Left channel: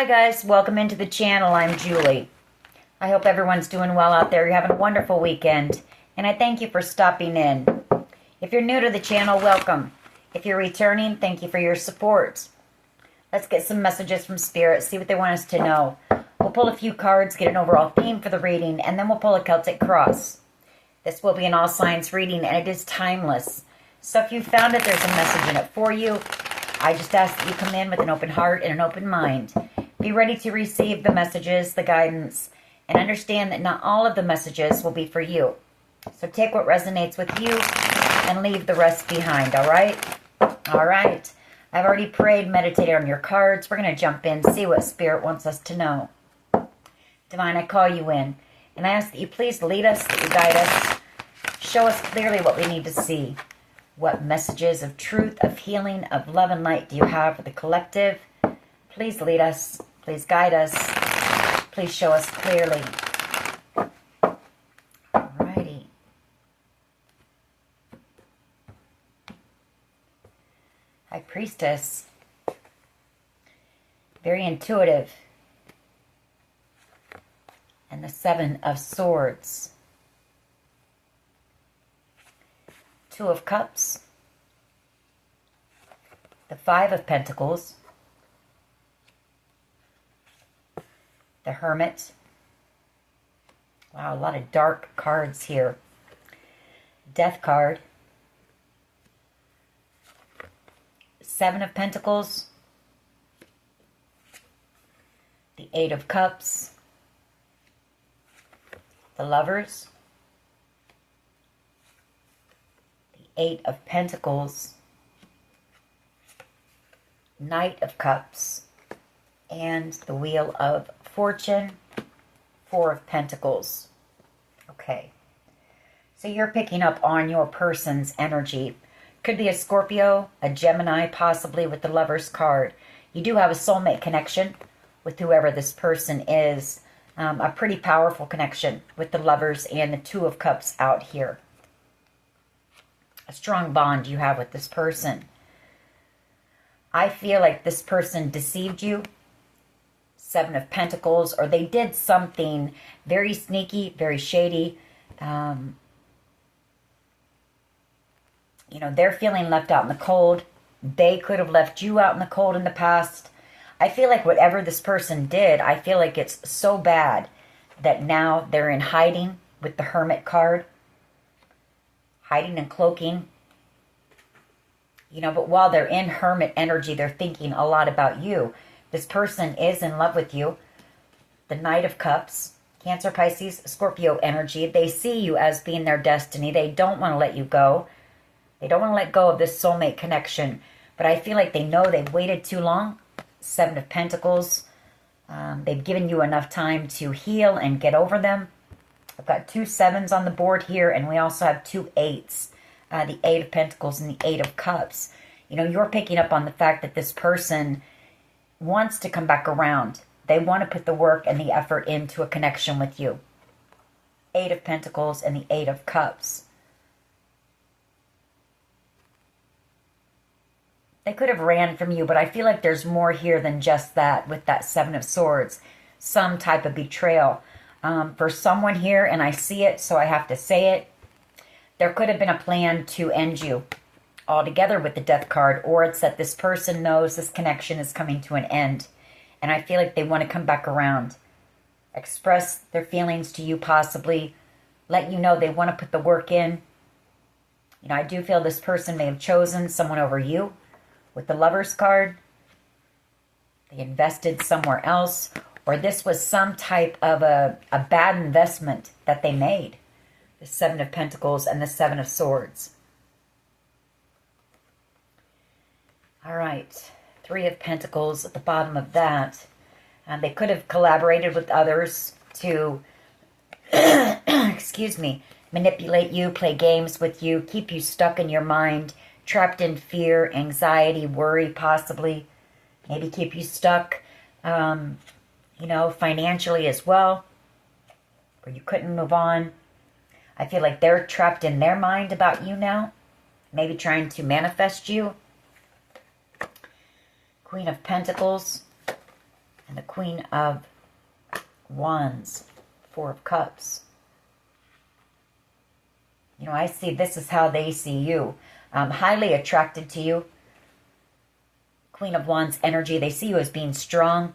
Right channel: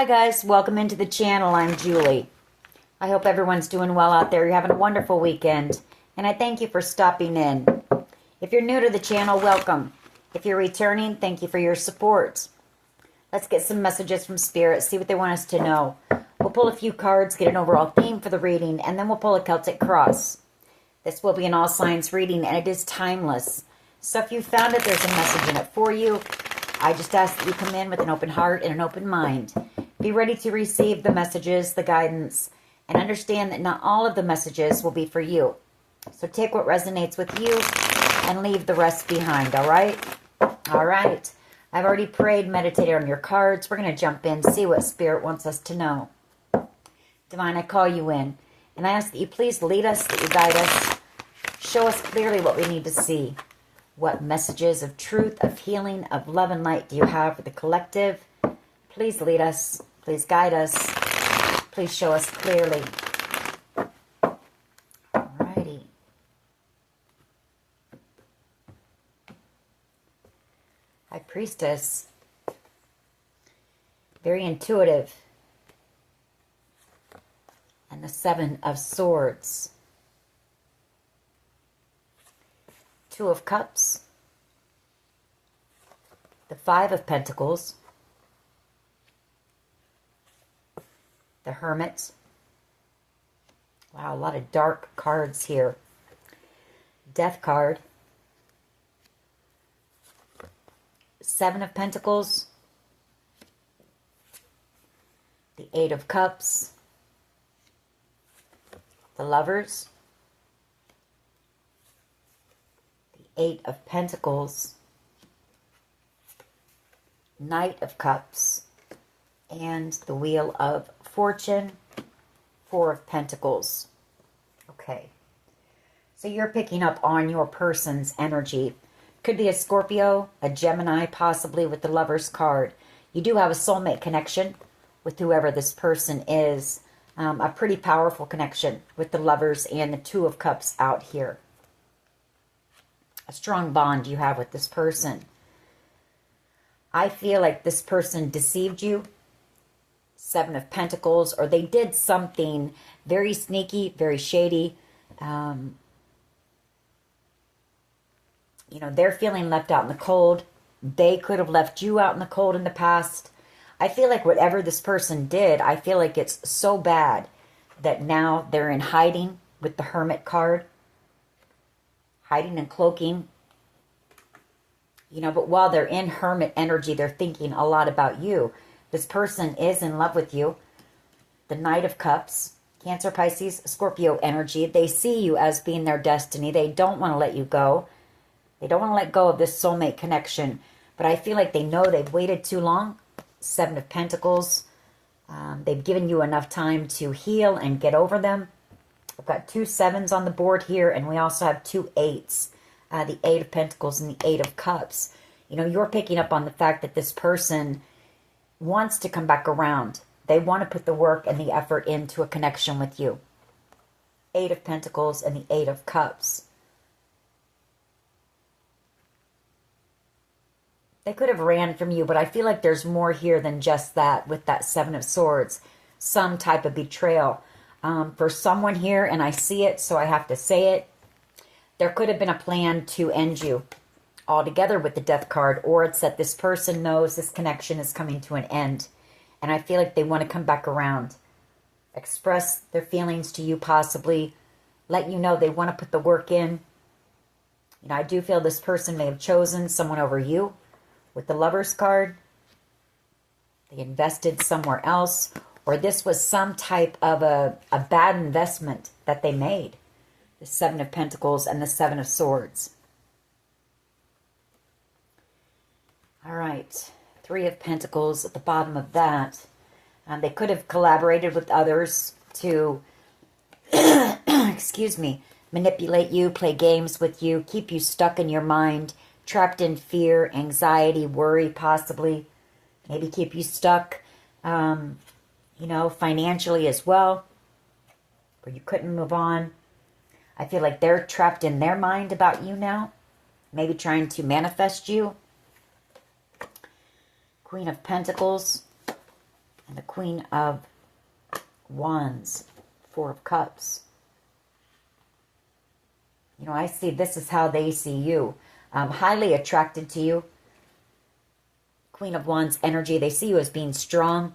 Hi guys, welcome into the channel. I'm Julie. I hope everyone's doing well out there. You're having a wonderful weekend, and I thank you for stopping in. If you're new to the channel, welcome. If you're returning, thank you for your support. Let's get some messages from Spirit, see what they want us to know. We'll pull a few cards, get an overall theme for the reading, and then we'll pull a Celtic cross. This will be an all signs reading, and it is timeless. So if you found it, there's a message in it for you. I just ask that you come in with an open heart and an open mind. Be ready to receive the messages, the guidance, and understand that not all of the messages will be for you. So take what resonates with you and leave the rest behind, all right? All right. I've already prayed, meditated on your cards. We're going to jump in, see what Spirit wants us to know. Divine, I call you in, and I ask that you please lead us, that you guide us, show us clearly what we need to see. What messages of truth, of healing, of love and light do you have for the collective? Please lead us. Please guide us. Please show us clearly. Alrighty. High Priestess. Very intuitive. And the Seven of Swords. Two of Cups. The Five of Pentacles. The Hermit. Wow, a lot of dark cards here. Death card. Seven of Pentacles. The Eight of Cups. The Lovers. The Eight of Pentacles. Knight of Cups. And the Wheel of Fortune, Four of Pentacles. Okay. So you're picking up on your person's energy. Could be a Scorpio, a Gemini, possibly with the Lover's card. You do have a soulmate connection with whoever this person is. A pretty powerful connection with the Lovers and the Two of Cups out here. A strong bond you have with this person. I feel like this person deceived you. Seven of Pentacles, or they did something very sneaky, very shady. You know, they're feeling left out in the cold. They could have left you out in the cold in the past. I feel like whatever this person did, I feel like it's so bad that now they're in hiding with the Hermit card. Hiding and cloaking. You know, but while they're in Hermit energy, they're thinking a lot about you. This person is in love with you. The Knight of Cups, Cancer, Pisces, Scorpio energy. They see you as being their destiny. They don't want to let you go. They don't want to let go of this soulmate connection. But I feel like they know they've waited too long. Seven of Pentacles. They've given you enough time to heal and get over them. I've got two sevens on the board here, and we also have two eights. The Eight of Pentacles and the Eight of Cups. You know, you're picking up on the fact that this person wants to come back around. They want to put the work and the effort into a connection with you. Eight of Pentacles and the Eight of Cups. They could have ran from you, but I feel like there's more here than just that with that Seven of Swords. Some type of betrayal. For someone here, and I see it, so I have to say it, there could have been a plan to end you altogether with the Death card, or it's that this person knows this connection is coming to an end, and I feel like they want to come back around, express their feelings to you, possibly let you know they want to put the work in. You know, I do feel this person may have chosen someone over you with the Lover's card. They invested somewhere else, or this was some type of a bad investment that they made. The Seven of Pentacles and the Seven of Swords. All right, Three of Pentacles at the bottom of that. They could have collaborated with others to, excuse me, manipulate you, play games with you, keep you stuck in your mind, trapped in fear, anxiety, worry, possibly. Maybe keep you stuck, you know, financially as well, where you couldn't move on. I feel like they're trapped in their mind about you now, maybe trying to manifest you. Queen of Pentacles And the Queen of Wands, Four of Cups. You know, I see this is how they see you. Highly attracted to you. Queen of Wands energy. They see you as being strong,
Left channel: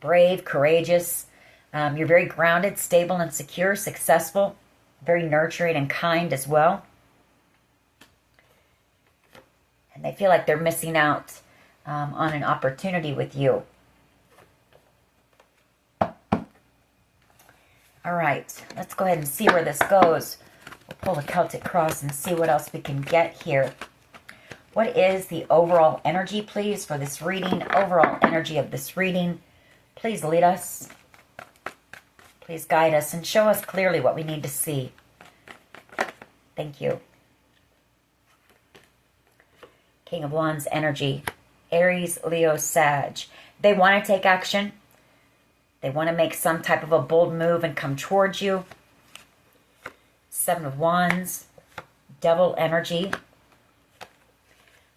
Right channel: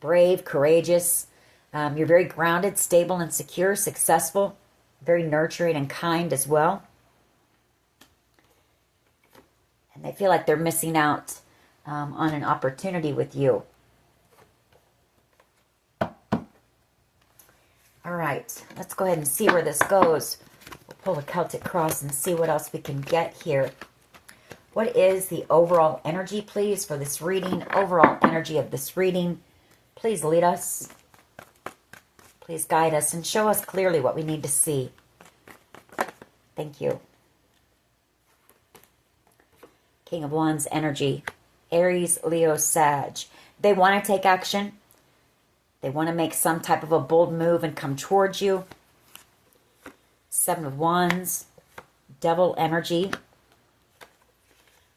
brave, courageous. You're very grounded, stable, and secure, successful. Very nurturing and kind as well. And they feel like they're missing out on an opportunity with you. All right, let's go ahead and see where this goes. We'll pull the Celtic Cross and see what else we can get here. What is the overall energy, please, for this reading? Overall energy of this reading. Please lead us. Please guide us and show us clearly what we need to see. Thank you. King of Wands energy. Aries, Leo, Sag. They want to take action. They want to make some type of a bold move and come towards you. Seven of Wands. Devil energy.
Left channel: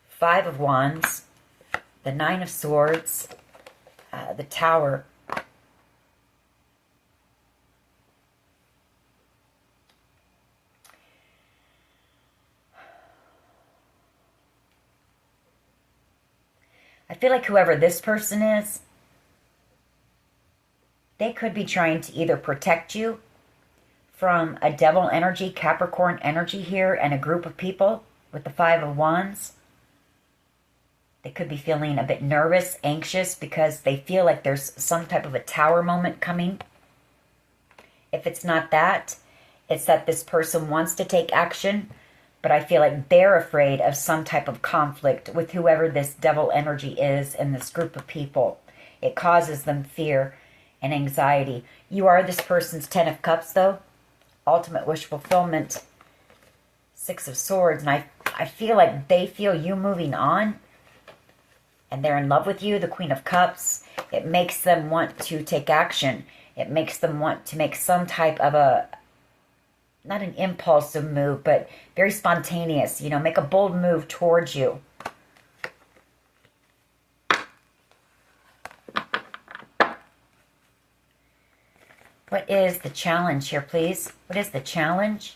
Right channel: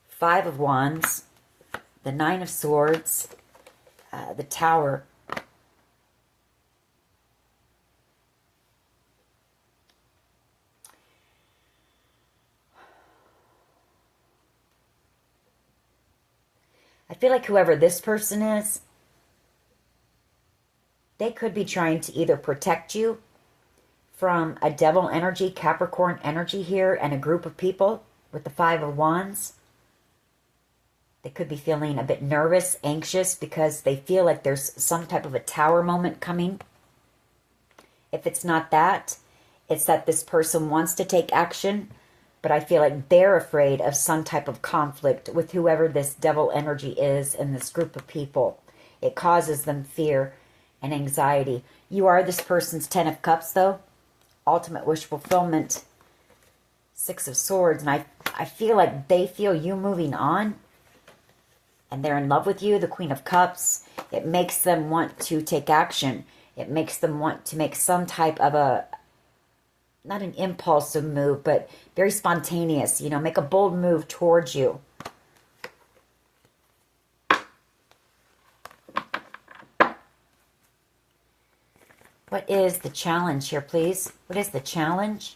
Five of Wands. The Nine of Swords. The Tower. I feel like whoever this person is, they could be trying to either protect you from a devil energy, Capricorn energy here, and a group of people with the Five of Wands. They could be feeling a bit nervous, anxious, because they feel like there's some type of a tower moment coming. If it's not that, it's that this person wants to take action, but I feel like they're afraid of some type of conflict with whoever this devil energy is in this group of people. It causes them fear and anxiety. You are this person's Ten of Cups, though. Ultimate wish fulfillment. Six of Swords. And I feel like they feel you moving on. And they're in love with you, the Queen of Cups. It makes them want to take action. It makes them want to make some type of a, not an impulsive move, but very spontaneous. You know, make a bold move towards you. What is the challenge here, please? What is the challenge?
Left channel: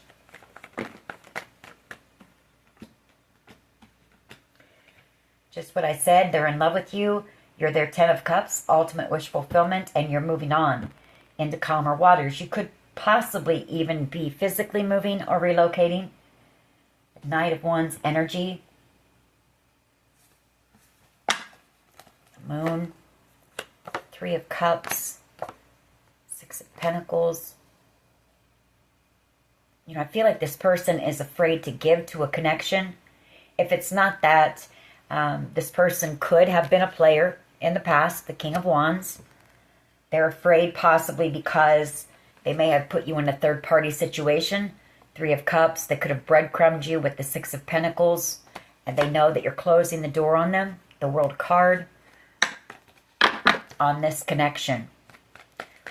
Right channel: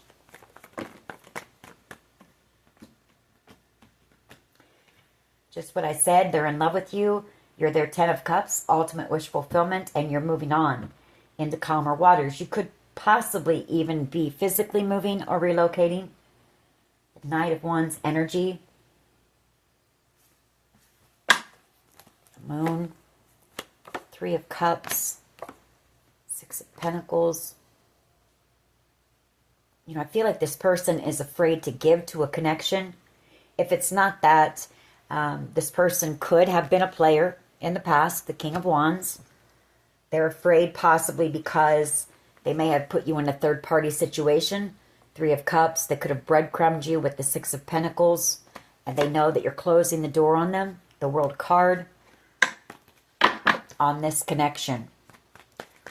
Just what I said. They're in love with you. You're their Ten of Cups, ultimate wish fulfillment, and you're moving on into calmer waters. You could possibly even be physically moving or relocating. Knight of Wands energy. The Moon. Three of Cups. Six of Pentacles. You know, I feel like this person is afraid to give to a connection. If it's not that, this person could have been a player in the past, the King of Wands. They're afraid possibly because they may have put you in a third-party situation. Three of Cups. They could have breadcrumbed you with the Six of Pentacles. And they know that you're closing the door on them. The World card on this connection.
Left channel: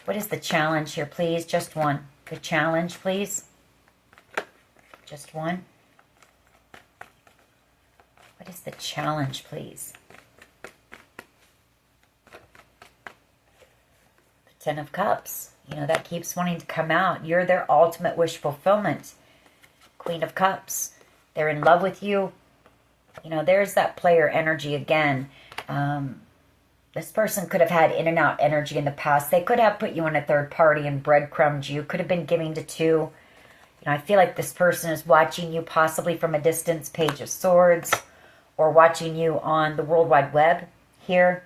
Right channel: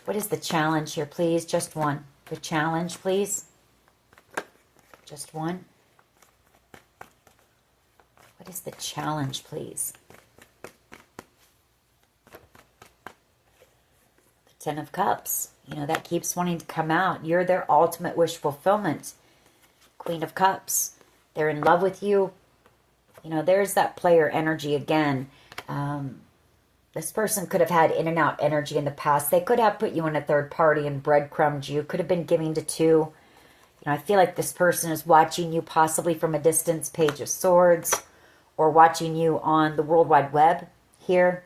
What is the challenge here, please? Just one. The challenge, please. Just one. What is the challenge, please? The Ten of Cups. You know, that keeps wanting to come out. You're their ultimate wish fulfillment. Queen of Cups. They're in love with you. You know, there's that player energy again. This person could have had in and out energy in the past. They could have put you in a third party and breadcrumbed you. Could have been giving to two. You know, I feel like this person is watching you possibly from a distance, Page of Swords, or watching you on the World Wide Web here.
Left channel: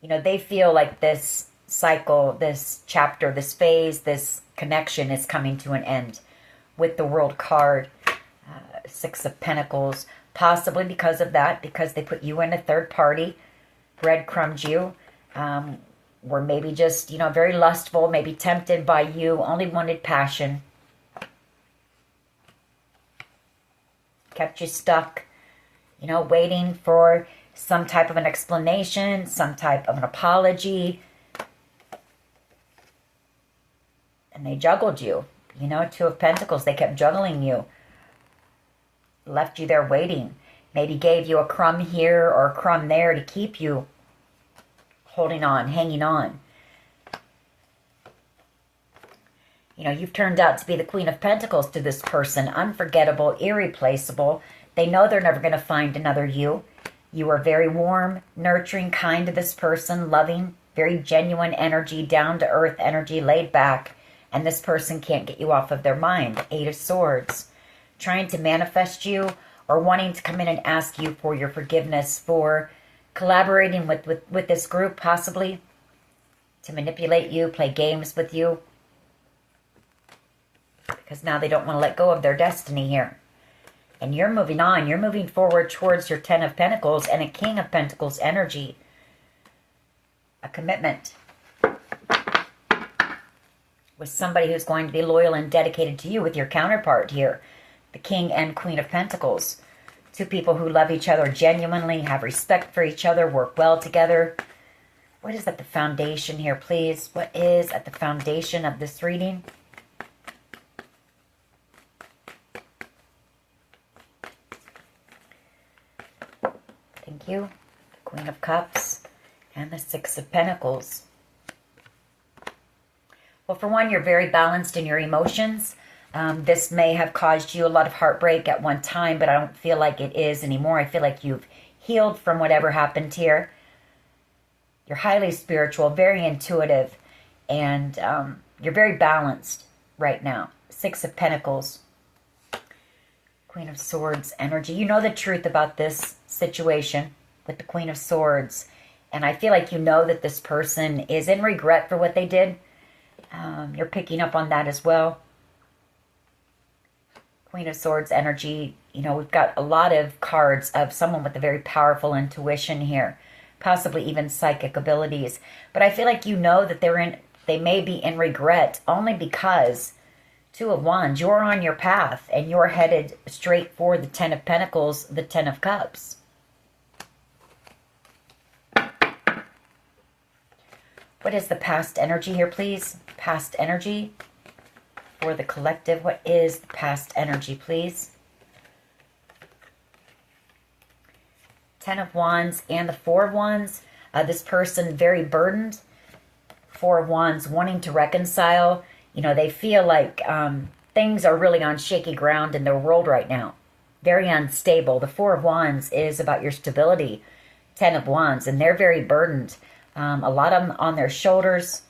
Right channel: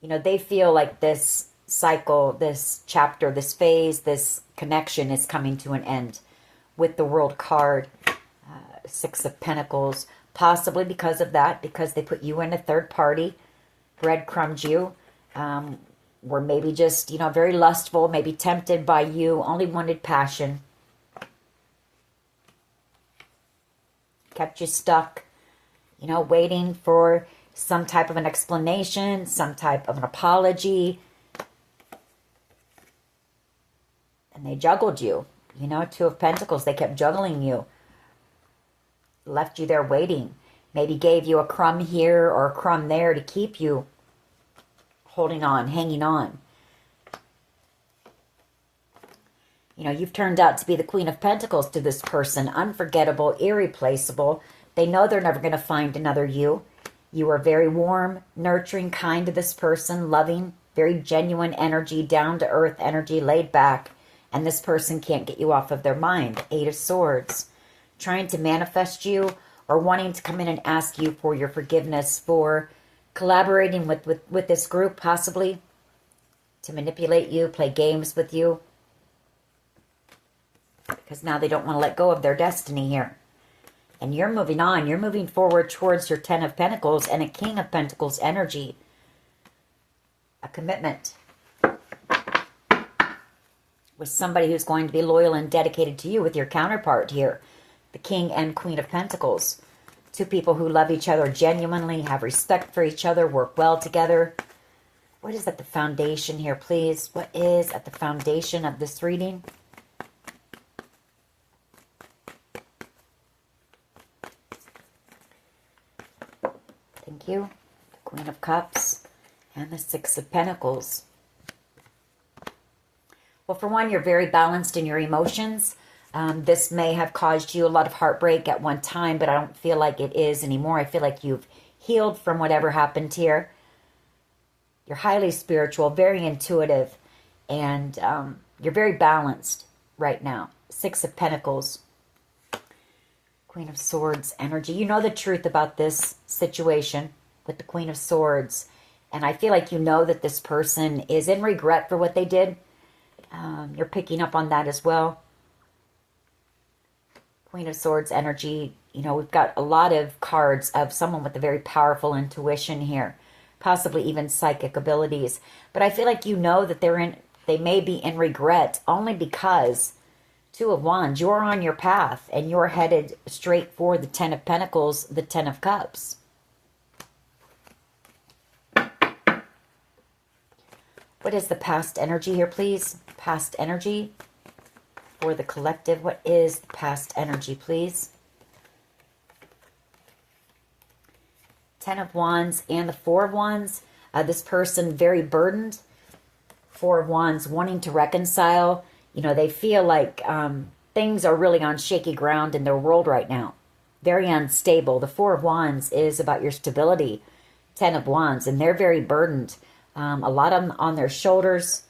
You know, they feel like this cycle, this chapter, this phase, this connection is coming to an end with the World card, Six of Pentacles. Possibly because of that, because they put you in a third party, breadcrumbed you, were maybe just, you know, very lustful, maybe tempted by you, only wanted passion. Kept you stuck, you know, waiting for some type of an explanation, some type of an apology. And they juggled you, you know, Two of Pentacles. They kept juggling you. Left you there waiting. Maybe gave you a crumb here or a crumb there to keep you holding on, hanging on. You know, you've turned out to be the Queen of Pentacles to this person. Unforgettable, irreplaceable. They know they're never going to find another you. You are very warm, nurturing, kind to this person, loving, very genuine energy, down-to-earth energy, laid back. And this person can't get you off of their mind. Eight of Swords. Trying to manifest you or wanting to come in and ask you for your forgiveness, for collaborating with this group, possibly, to manipulate you, play games with you. Because now they don't want to let go of their destiny here. And you're moving on. You're moving forward towards your Ten of Pentacles and a King of Pentacles energy. A commitment. With somebody who's going to be loyal and dedicated to you, with your counterpart here. The King and Queen of Pentacles. Two people who love each other genuinely, have respect for each other, work well together. What is at the foundation here, please? What is at the foundation of this reading? Thank you. Queen of Cups and the Six of Pentacles. Well, for one, you're very balanced in your emotions. This may have caused you a lot of heartbreak at one time, but I don't feel like it is anymore. I feel like you've healed from whatever happened here. You're highly spiritual, very intuitive, and you're very balanced right now. Six of Pentacles. Queen of Swords energy. You know the truth about this situation with the Queen of Swords. And I feel like you know that this person is in regret for what they did. You're picking up on that as well. Queen of Swords energy. You know, we've got a lot of cards of someone with a very powerful intuition here. Possibly even psychic abilities. But I feel like you know that they may be in regret only because Two of Wands, you're on your path and you're headed straight for the Ten of Pentacles, the Ten of Cups. What is the past energy here, please? Past energy for the collective. What is the past energy, please? Ten of Wands and the Four of Wands. This person very burdened. Four of Wands wanting to reconcile. You know, they feel like things are really on shaky ground in their world right now. Very unstable. The Four of Wands is about your stability. Ten of Wands, and they're very burdened. A lot of them on their shoulders.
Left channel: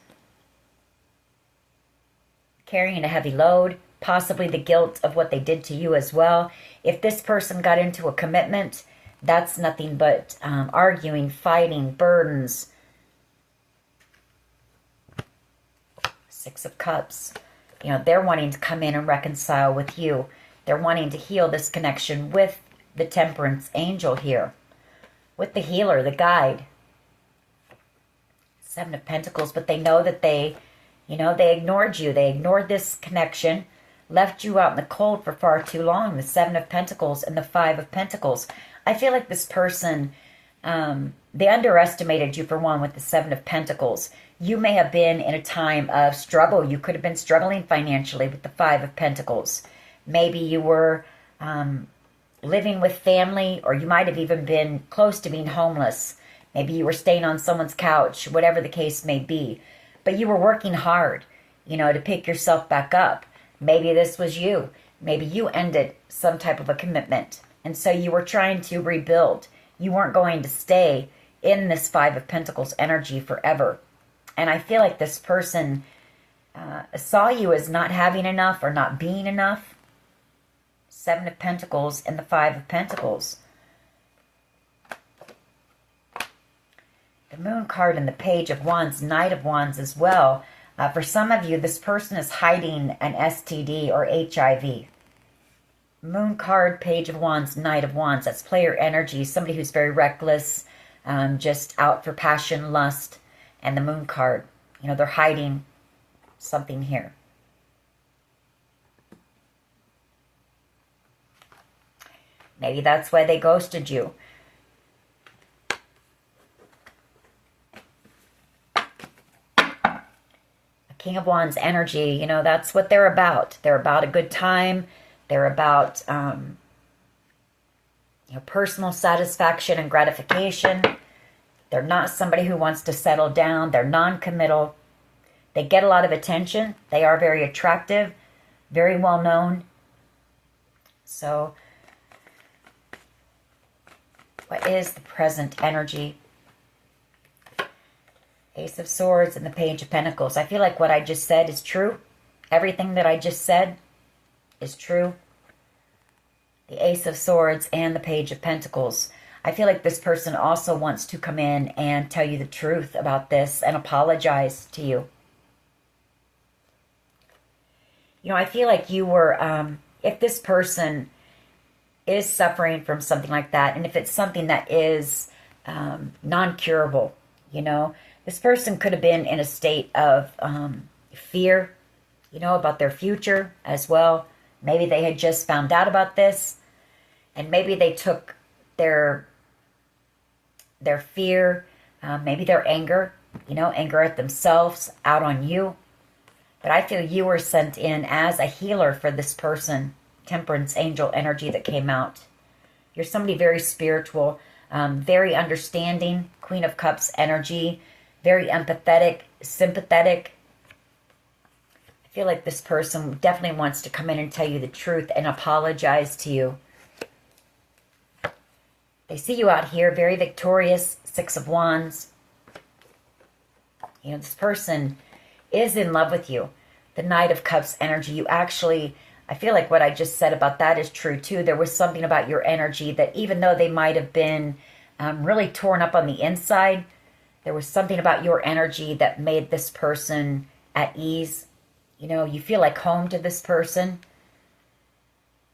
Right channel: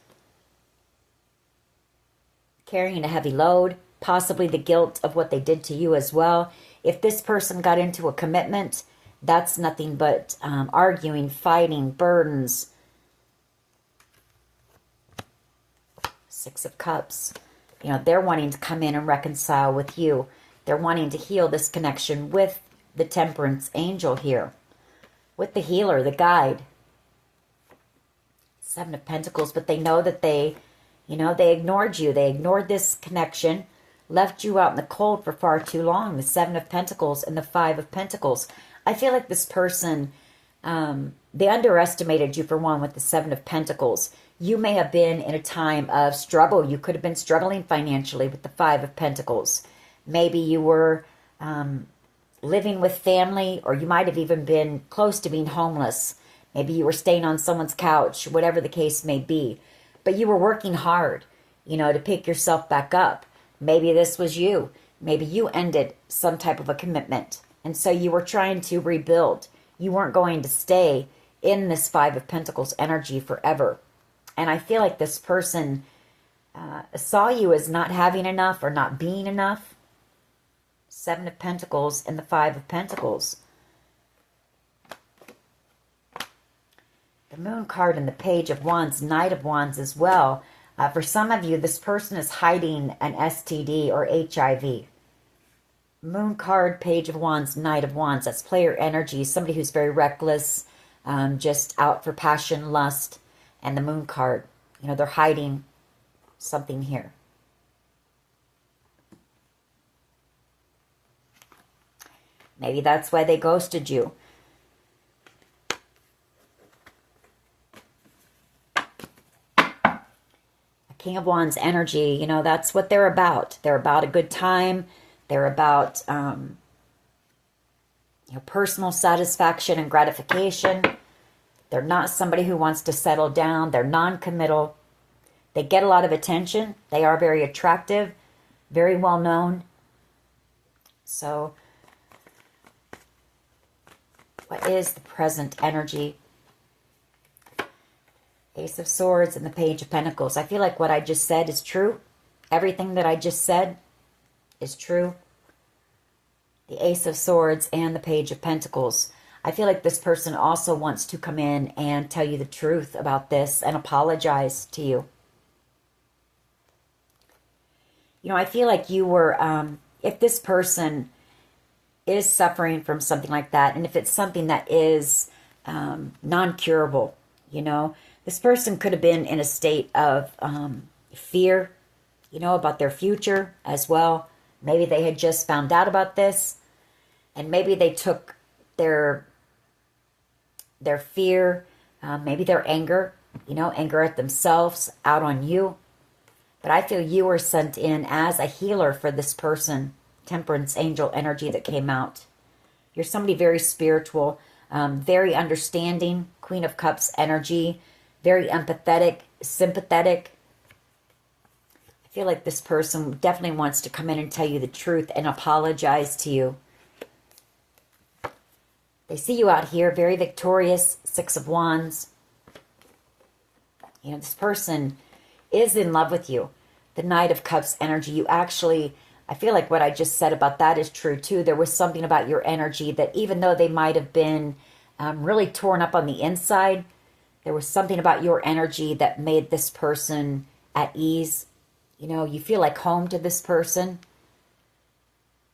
Carrying a heavy load. Possibly the guilt of what they did to you as well. If this person got into a commitment, that's nothing but arguing, fighting, burdens. Six of Cups. You know, they're wanting to come in and reconcile with you. They're wanting to heal this connection with the Temperance angel here. With the healer, the guide. Seven of Pentacles, but they know that they ignored you. They ignored this connection, left you out in the cold for far too long. The Seven of Pentacles and the Five of Pentacles. I feel like this person, they underestimated you for one with the Seven of Pentacles. You may have been in a time of struggle. You could have been struggling financially with the Five of Pentacles. Maybe you were living with family, or you might have even been close to being homeless. Maybe you were staying on someone's couch, whatever the case may be. But you were working hard, you know, to pick yourself back up. Maybe this was you. Maybe you ended some type of a commitment. And so you were trying to rebuild. You weren't going to stay in this Five of Pentacles energy forever. And I feel like this person saw you as not having enough or not being enough. Seven of Pentacles and the Five of Pentacles. The Moon card and the Page of Wands, Knight of Wands as well. For some of you, this person is hiding an STD or HIV. Moon card, Page of Wands, Knight of Wands. That's player energy. Somebody who's very reckless, just out for passion, lust. And the Moon card, you know, they're hiding something here. Maybe that's why they ghosted you. King of Wands energy, you know, that's what they're about. They're about a good time. They're about, personal satisfaction and gratification. They're not somebody who wants to settle down. They're non-committal. They get a lot of attention. They are very attractive, very well known. So, what is the present energy? Ace of Swords and the Page of Pentacles. I feel like what I just said is true. Everything that I just said is true. The Ace of Swords and the Page of Pentacles. I feel like this person also wants to come in and tell you the truth about this and apologize to you. You know, I feel like you were, if this person is suffering from something like that, and if it's something that is non-curable, you know, this person could have been in a state of fear, you know, about their future as well. Maybe they had just found out about this, and maybe they took their fear, maybe their anger, you know, anger at themselves out on you. But I feel you were sent in as a healer for this person. Temperance angel energy that came out. You're somebody very spiritual, very understanding. Queen of Cups energy, very empathetic, sympathetic. I feel like this person definitely wants to come in and tell you the truth and apologize to you. They see you out here, very victorious, Six of Wands. You know, this person is in love with you. The Knight of Cups energy, you actually, I feel like what I just said about that is true too. There was something about your energy that even though they might have been really torn up on the inside, there was something about your energy that made this person at ease. You know, you feel like home to this person.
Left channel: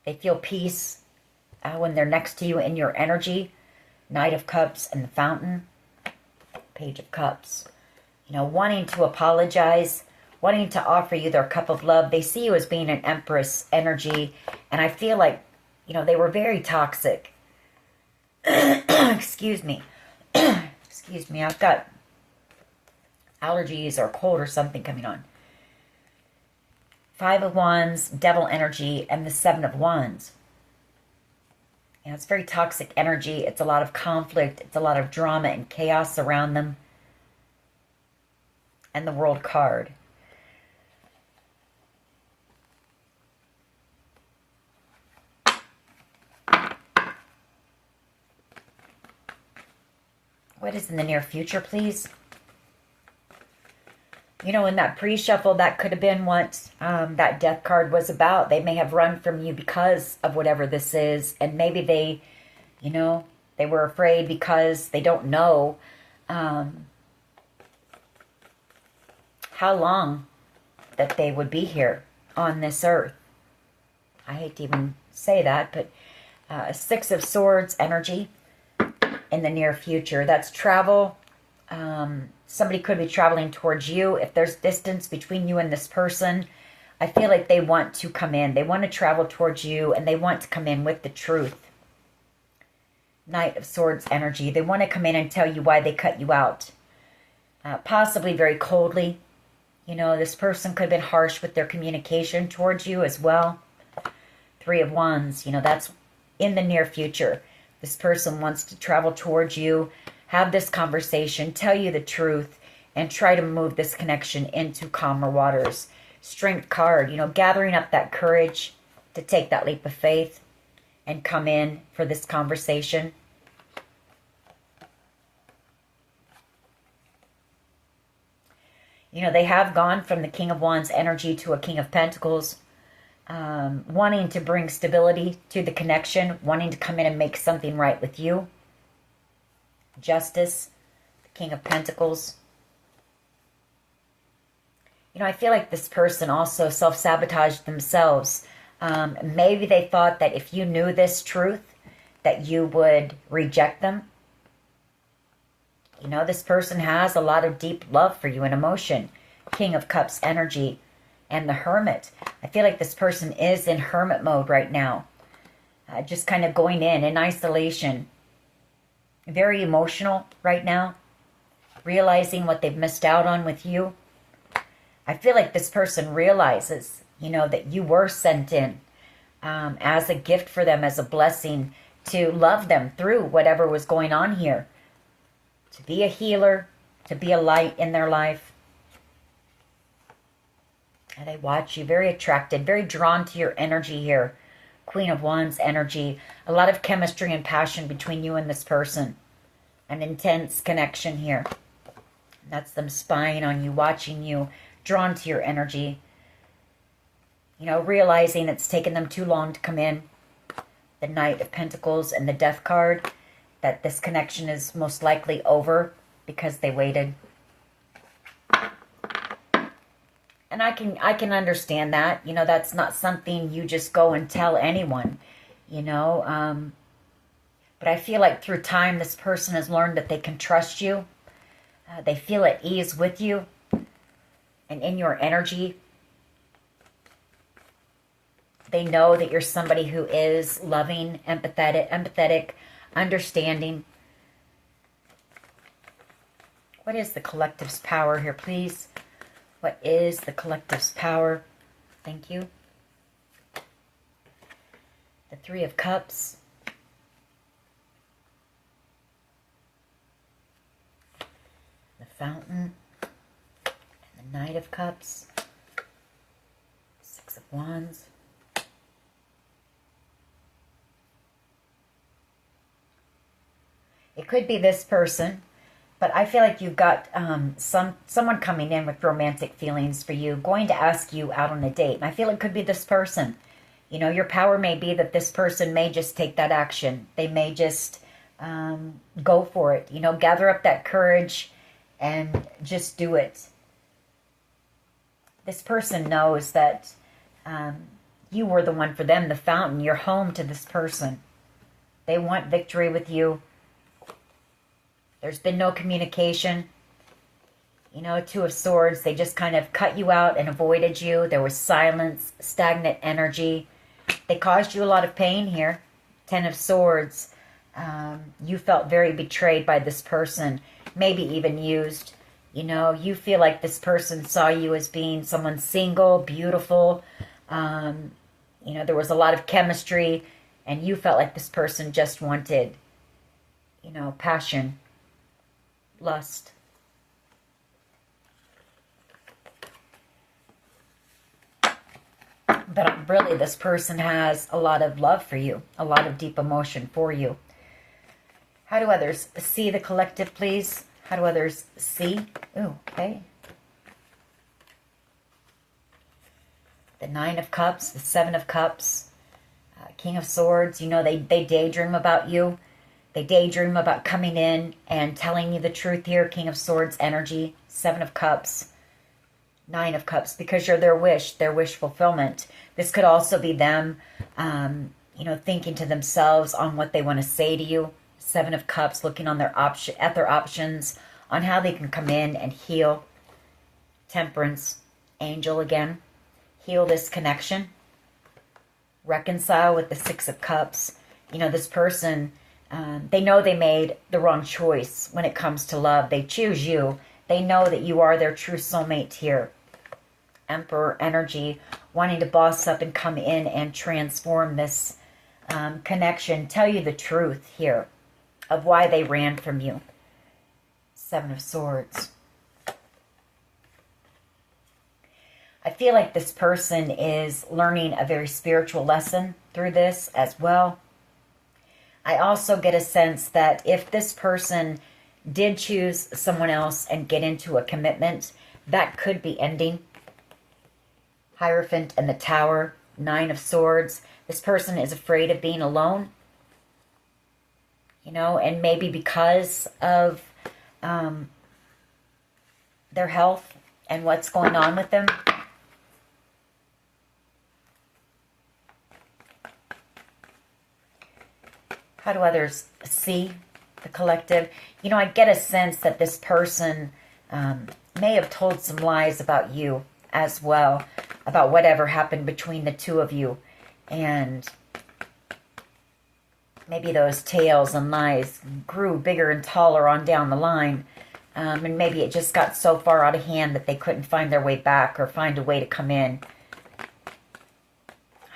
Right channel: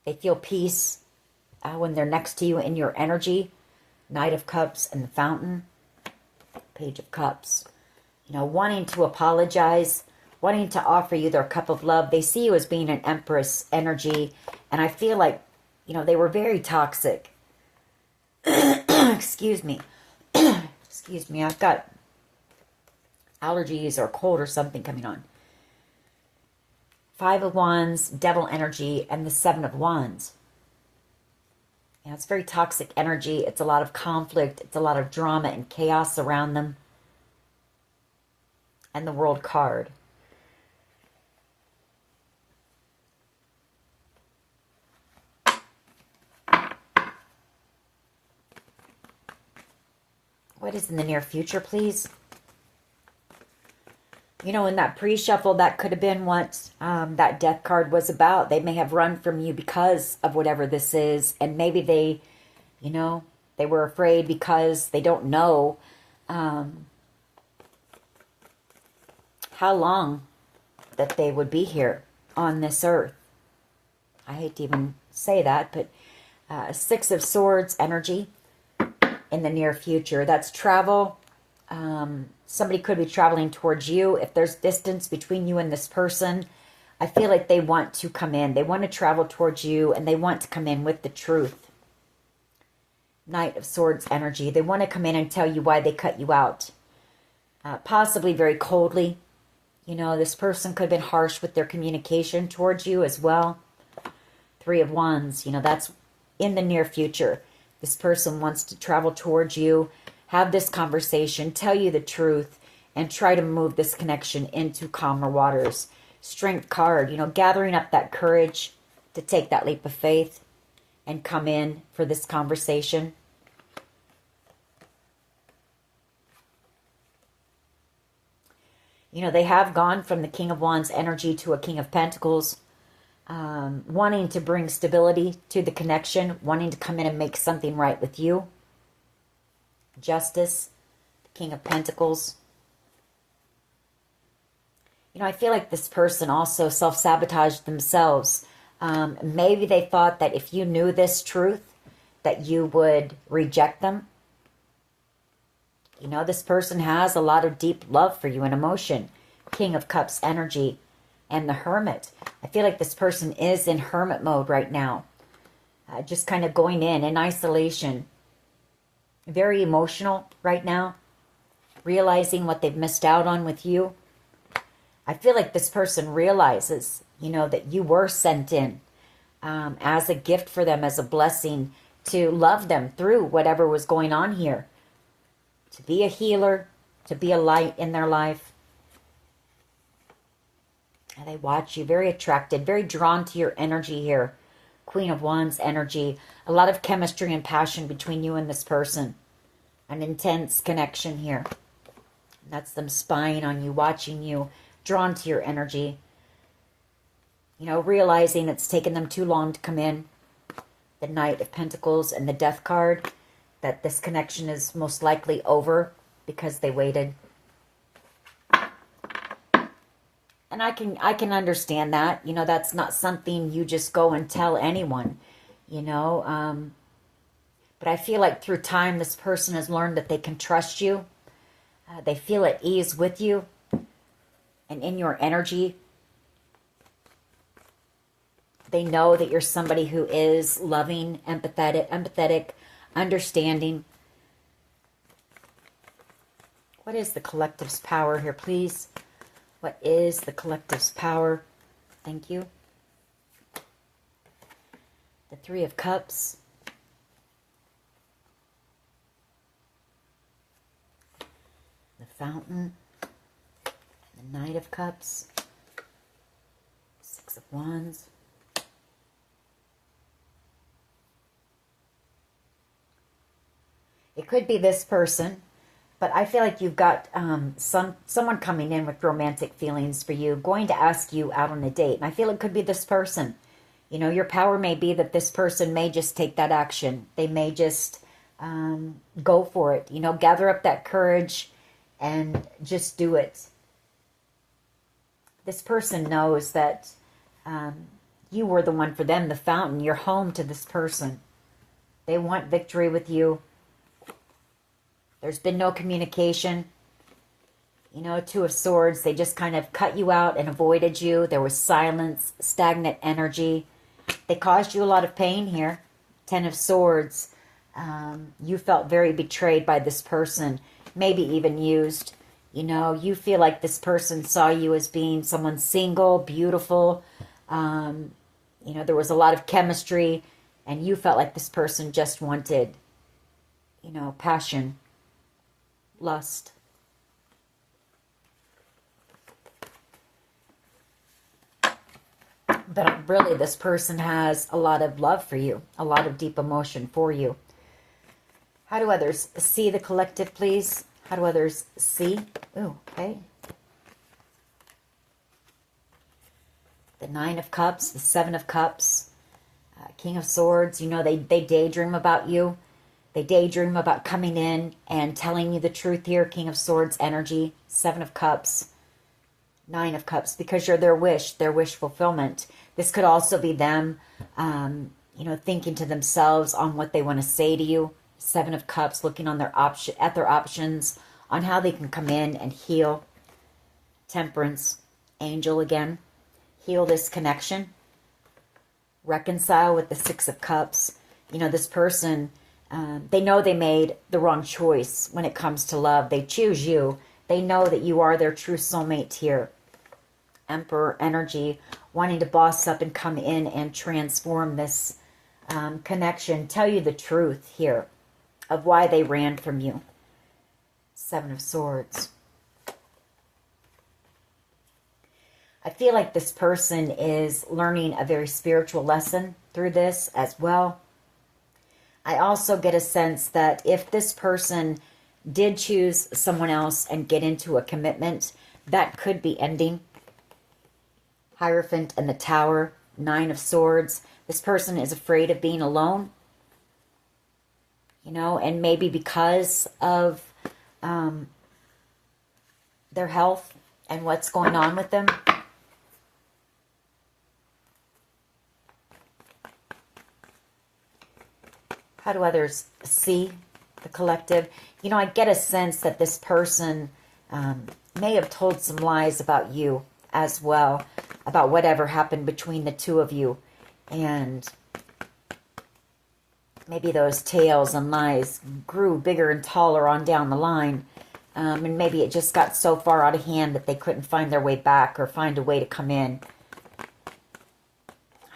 They feel peace when they're next to you in your energy. Knight of Cups and the Fountain. Page of Cups. You know, wanting to apologize, wanting to offer you their cup of love. They see you as being an Empress energy. And I feel like, you know, they were very toxic. Excuse me. Excuse me. I've got allergies or cold or something coming on. Five of Wands, Devil energy, and the Seven of Wands. Yeah, it's very toxic energy. It's a lot of conflict. It's a lot of drama and chaos around them. And the World card. What is in the near future, please? You know, in that pre-shuffle, that could have been what that Death card was about. They may have run from you because of whatever this is. And maybe they, you know, they were afraid because they don't know how long that they would be here on this earth. I hate to even say that, but Six of Swords energy in the near future. That's travel. Somebody could be traveling towards you. If there's distance between you and this person, I feel like they want to come in. They want to travel towards you, and they want to come in with the truth. Knight of Swords energy. They want to come in and tell you why they cut you out. Possibly very coldly. You know, this person could have been harsh with their communication towards you as well. Three of Wands. You know, that's in the near future. This person wants to travel towards you, have this conversation, tell you the truth, and try to move this connection into calmer waters. Strength card, you know, gathering up that courage to take that leap of faith and come in for this conversation. You know, they have gone from the King of Wands energy to a King of Pentacles, wanting to bring stability to the connection, wanting to come in and make something right with you. Justice, the King of Pentacles. You know, I feel like this person also self-sabotaged themselves. Maybe they thought that if you knew this truth, that you would reject them. You know, this person has a lot of deep love for you and emotion. King of Cups energy and the Hermit. I feel like this person is in hermit mode right now. Just kind of going in isolation. Very emotional right now, realizing what they've missed out on with you. I feel like this person realizes, you know, that you were sent in as a gift for them, as a blessing to love them through whatever was going on here, to be a healer, to be a light in their life. And they watch you, very attracted, very drawn to your energy here. Queen of Wands energy. A lot of chemistry and passion between you and this person. An intense connection here. That's them spying on you, watching you, drawn to your energy. You know, realizing it's taken them too long to come in. The Knight of Pentacles and the Death card. That this connection is most likely over because they waited. And I can understand that. You know, that's not something you just go and tell anyone, you know. But I feel like through time, this person has learned that they can trust you. They feel at ease with you and in your energy. They know that you're somebody who is loving, empathetic, understanding. What is the collective's power here, please? What is the collective's power? Thank you. The Three of Cups. The Fountain. And the Knight of Cups. Six of Wands. It could be this person. But I feel like you've got someone coming in with romantic feelings for you, going to ask you out on a date. And I feel it could be this person. You know, your power may be that this person may just take that action. They may just go for it. You know, gather up that courage and just do it. This person knows that you were the one for them, the fountain. You're home to this person. They want victory with you. There's been no communication. You know, Two of Swords, they just kind of cut you out and avoided you. There was silence, stagnant energy. They caused you a lot of pain here. Ten of Swords. You felt very betrayed by this person, maybe even used. You know, you feel like this person saw you as being someone single, beautiful. You know, there was a lot of chemistry, and you felt like this person just wanted, you know, passion. Lust. But really, this person has a lot of love for you, a lot of deep emotion for you. How do others see the collective, please? How do others see? Ooh, okay. The Nine of Cups, the Seven of Cups, King of Swords. You know, they daydream about you. They daydream about coming in and telling you the truth here. King of Swords energy, Seven of Cups, Nine of Cups, because you're their wish fulfillment. This could also be them, you know, thinking to themselves on what they want to say to you. Seven of Cups, looking on their options on how they can come in and heal. Temperance, Angel again. Heal this connection. Reconcile with the Six of Cups. You know, this person... they know they made the wrong choice when it comes to love. They choose you. They know that you are their true soulmate here. Emperor energy, wanting to boss up and come in and transform this connection. Tell you the truth here of why they ran from you. Seven of Swords. I feel like this person is learning a very spiritual lesson through this as well. I also get a sense that if this person did choose someone else and get into a commitment, that could be ending. Hierophant and the Tower, Nine of Swords. This person is afraid of being alone. You know, and maybe because of their health and what's going on with them. How do others see the collective? You know, I get a sense that this person may have told some lies about you as well, about whatever happened between the two of you. And maybe those tales and lies grew bigger and taller on down the line. And maybe it just got so far out of hand that they couldn't find their way back or find a way to come in.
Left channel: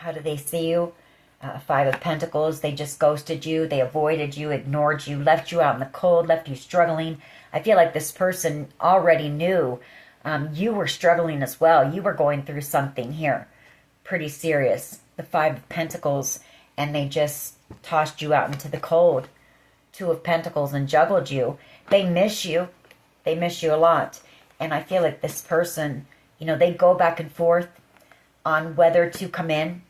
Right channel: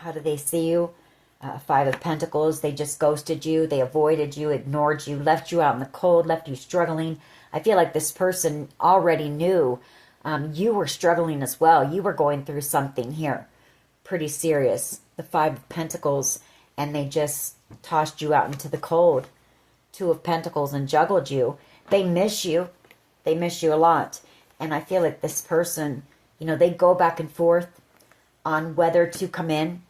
How do they see you? Five of Pentacles, they just ghosted you. They avoided you, ignored you, left you out in the cold, left you struggling. I feel like this person already knew you were struggling as well. You were going through something here pretty serious. The Five of Pentacles, and they just tossed you out into the cold. Two of Pentacles and juggled you. They miss you. They miss you a lot. And I feel like this person, you know, they go back and forth on whether to come in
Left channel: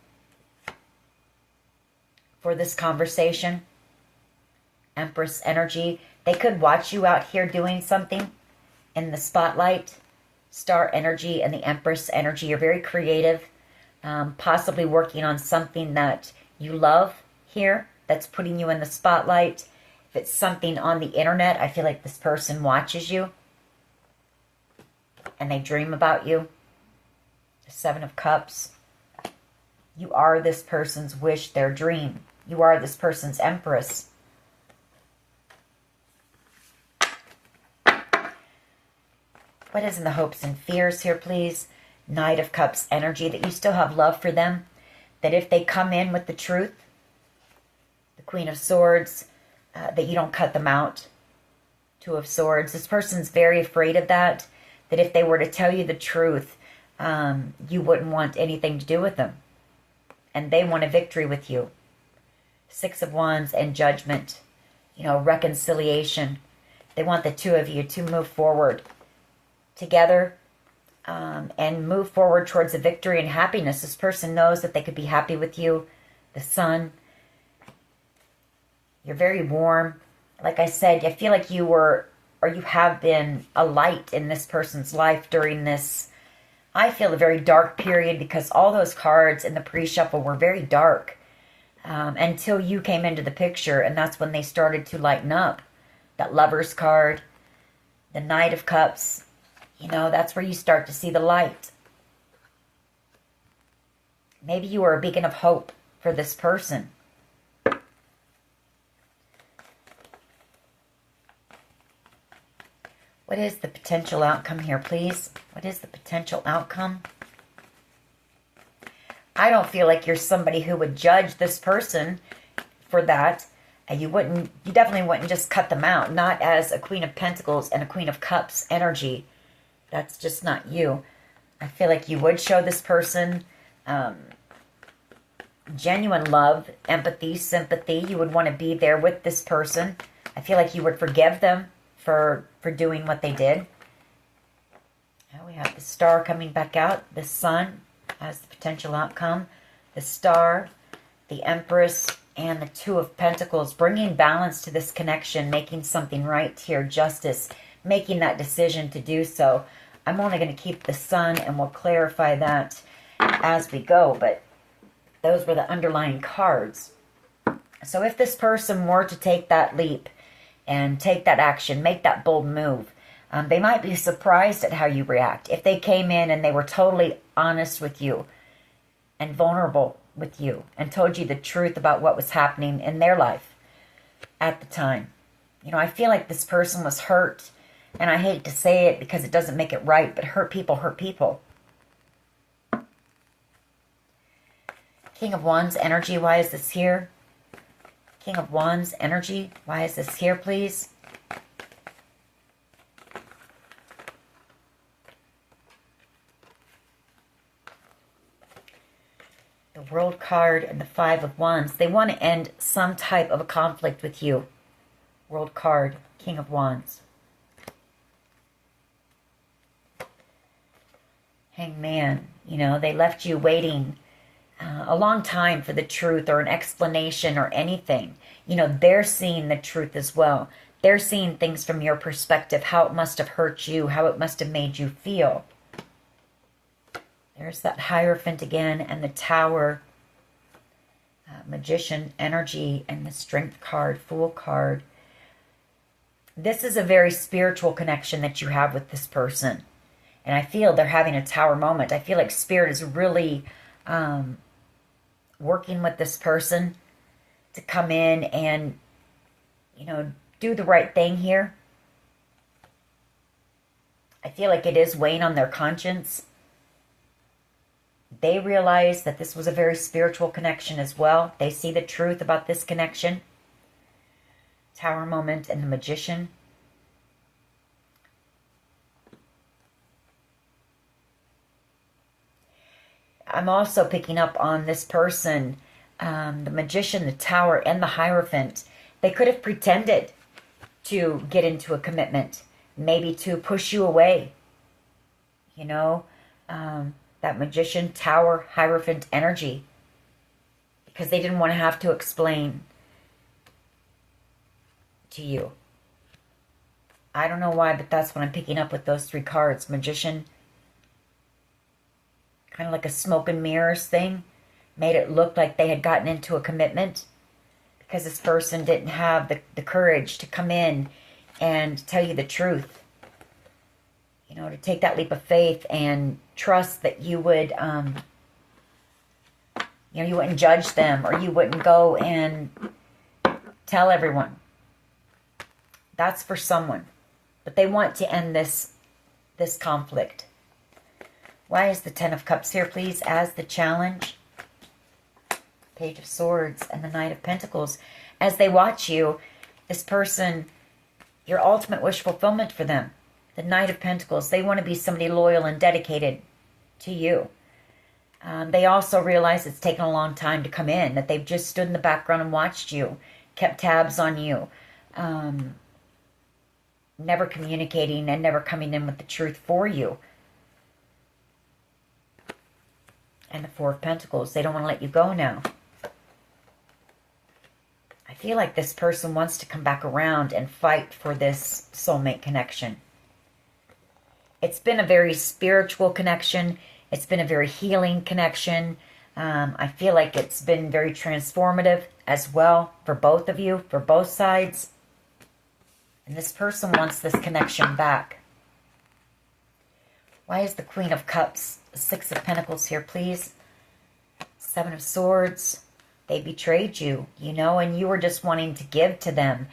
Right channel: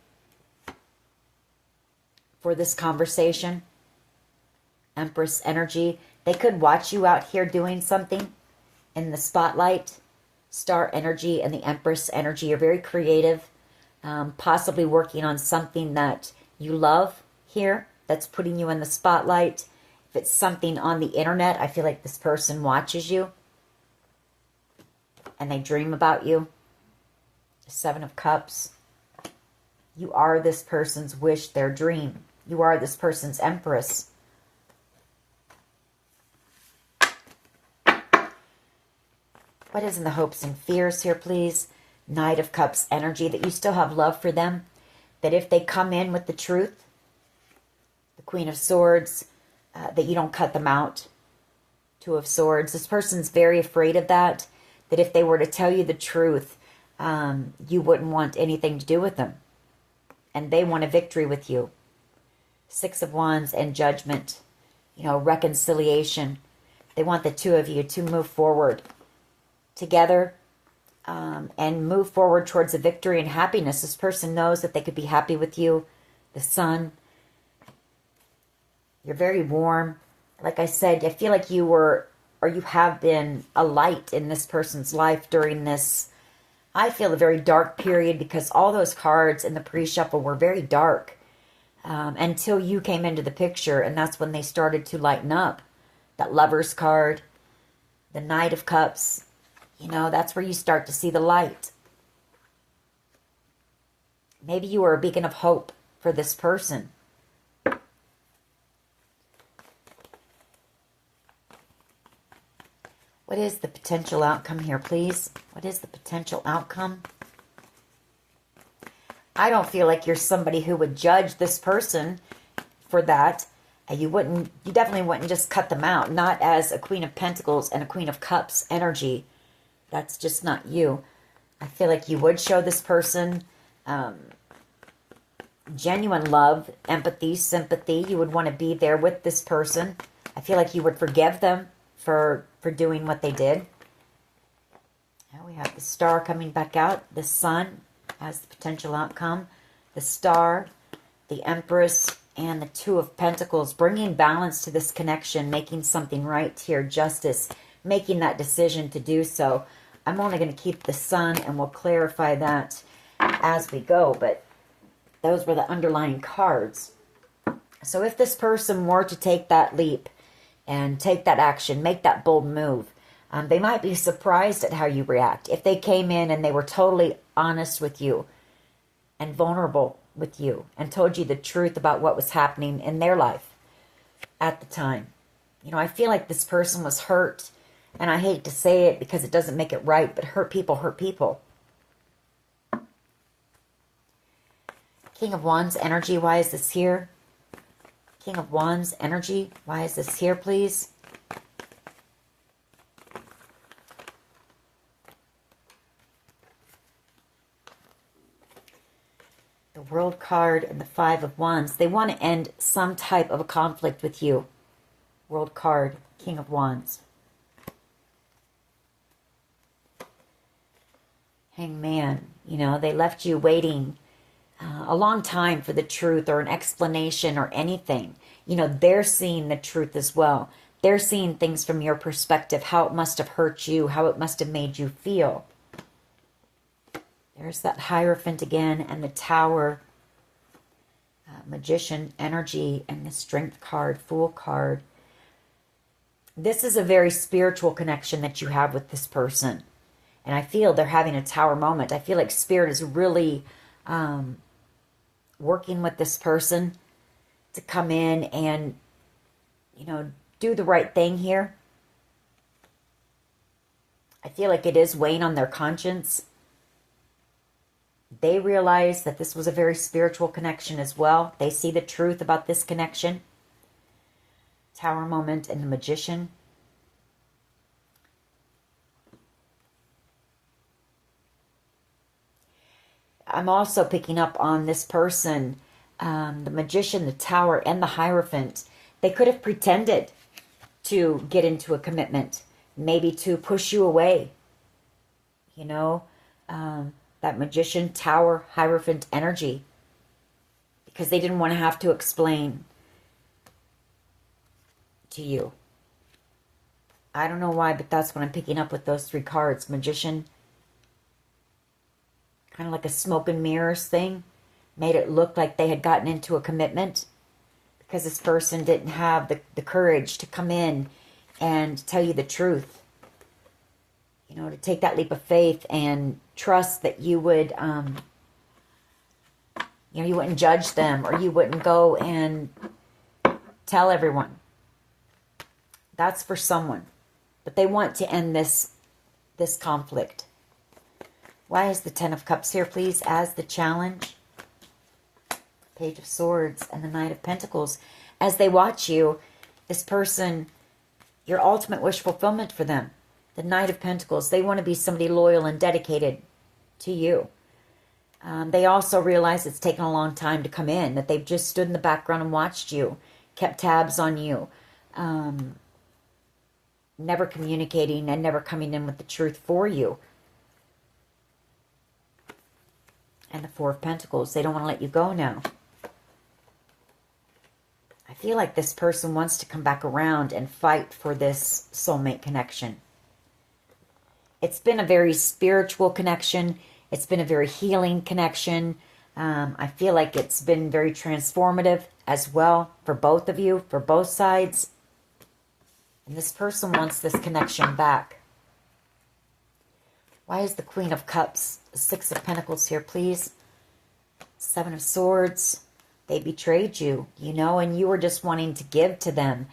for this conversation. Empress energy. They could watch you out here doing something in the spotlight. Star energy and the Empress energy. You're very creative. Possibly working on something that you love here that's putting you in the spotlight. If it's something on the internet, I feel like this person watches you and they dream about you. The Seven of Cups. You are this person's wish, their dream. You are this person's Empress. What is in the hopes and fears here, please? Knight of Cups energy, that you still have love for them. That if they come in with the truth, the Queen of Swords, that you don't cut them out. Two of Swords. This person's very afraid of that. That if they were to tell you the truth, you wouldn't want anything to do with them. And they want a victory with you. Six of Wands and Judgment. You know, reconciliation. They want the two of you to move forward together and move forward towards a victory and happiness. This person knows that they could be happy with you. The Sun. You're very warm. Like I said, I feel like you were, or you have been, a light in this person's life during this, I feel, a very dark period, because all those cards in the pre-shuffle were very dark until you came into the picture, and that's when they started to lighten up. That Lover's card, the Knight of Cups, you know, that's where you start to see the light. Maybe you were a beacon of hope for this person. What is the potential outcome here, please? What is the potential outcome? I don't feel like you're somebody who would judge this person for that. You definitely wouldn't just cut them out. Not as a Queen of Pentacles and a Queen of Cups energy. That's just not you. I feel like you would show this person genuine love, empathy, sympathy. You would want to be there with this person. I feel like you would forgive them for doing what they did. Now we have the Star coming back out. The Sun as the potential outcome. The Star, the Empress, and the Two of Pentacles. Bringing balance to this connection. Making something right here. Justice. Making that decision to do so. I'm only going to keep the Sun, and we'll clarify that as we go. But those were the underlying cards. So if this person were to take that leap and take that action, make that bold move, they might be surprised at how you react. If they came in and they were totally honest with you and vulnerable with you and told you the truth about what was happening in their life at the time. You know, I feel like this person was hurt, and I hate to say it because it doesn't make it right, but hurt people hurt people. King of Wands energy, why is this here? King of Wands energy, why is this here, please? The World card and the Five of Wands. They want to end some type of a conflict with you. World card, King of Wands. Hangman, you know, they left you waiting a long time for the truth or an explanation or anything. You know, they're seeing the truth as well. They're seeing things from your perspective, how it must have hurt you, how it must have made you feel. There's that Hierophant again, and the Tower, Magician energy, and the Strength card, Fool card. This is a very spiritual connection that you have with this person. And I feel they're having a Tower moment. I feel like Spirit is really working with this person to come in and, you know, do the right thing here. I feel like it is weighing on their conscience. They realize that this was a very spiritual connection as well. They see the truth about this connection. Tower moment and the Magician. I'm also picking up on this person, the Magician, the Tower, and the Hierophant. They could have pretended to get into a commitment, maybe to push you away. You know, that Magician, Tower, Hierophant energy, because they didn't want to have to explain to you. I don't know why, but that's what I'm picking up with those three cards. Magician, kind of like a smoke and mirrors thing, made it look like they had gotten into a commitment because this person didn't have the courage to come in and tell you the truth. You know, to take that leap of faith and trust that you would, you know, you wouldn't judge them, or you wouldn't go and tell everyone. That's for someone. But they want to end this conflict. Why is the Ten of Cups here, please, as the challenge? Page of Swords and the Knight of Pentacles. As they watch you, this person, your ultimate wish fulfillment for them. The Knight of Pentacles. They want to be somebody loyal and dedicated to you. They also realize it's taken a long time to come in, that they've just stood in the background and watched you, kept tabs on you, never communicating and never coming in with the truth for you. And the Four of Pentacles. They don't want to let you go now. I feel like this person wants to come back around and fight for this soulmate connection. It's been a very spiritual connection. It's been a very healing connection. I feel like it's been very transformative as well for both of you, for both sides. And this person wants this connection back. Why is the Queen of Cups, Six of Pentacles here, please? Seven of Swords. They betrayed you, you know, and you were just wanting to give to them.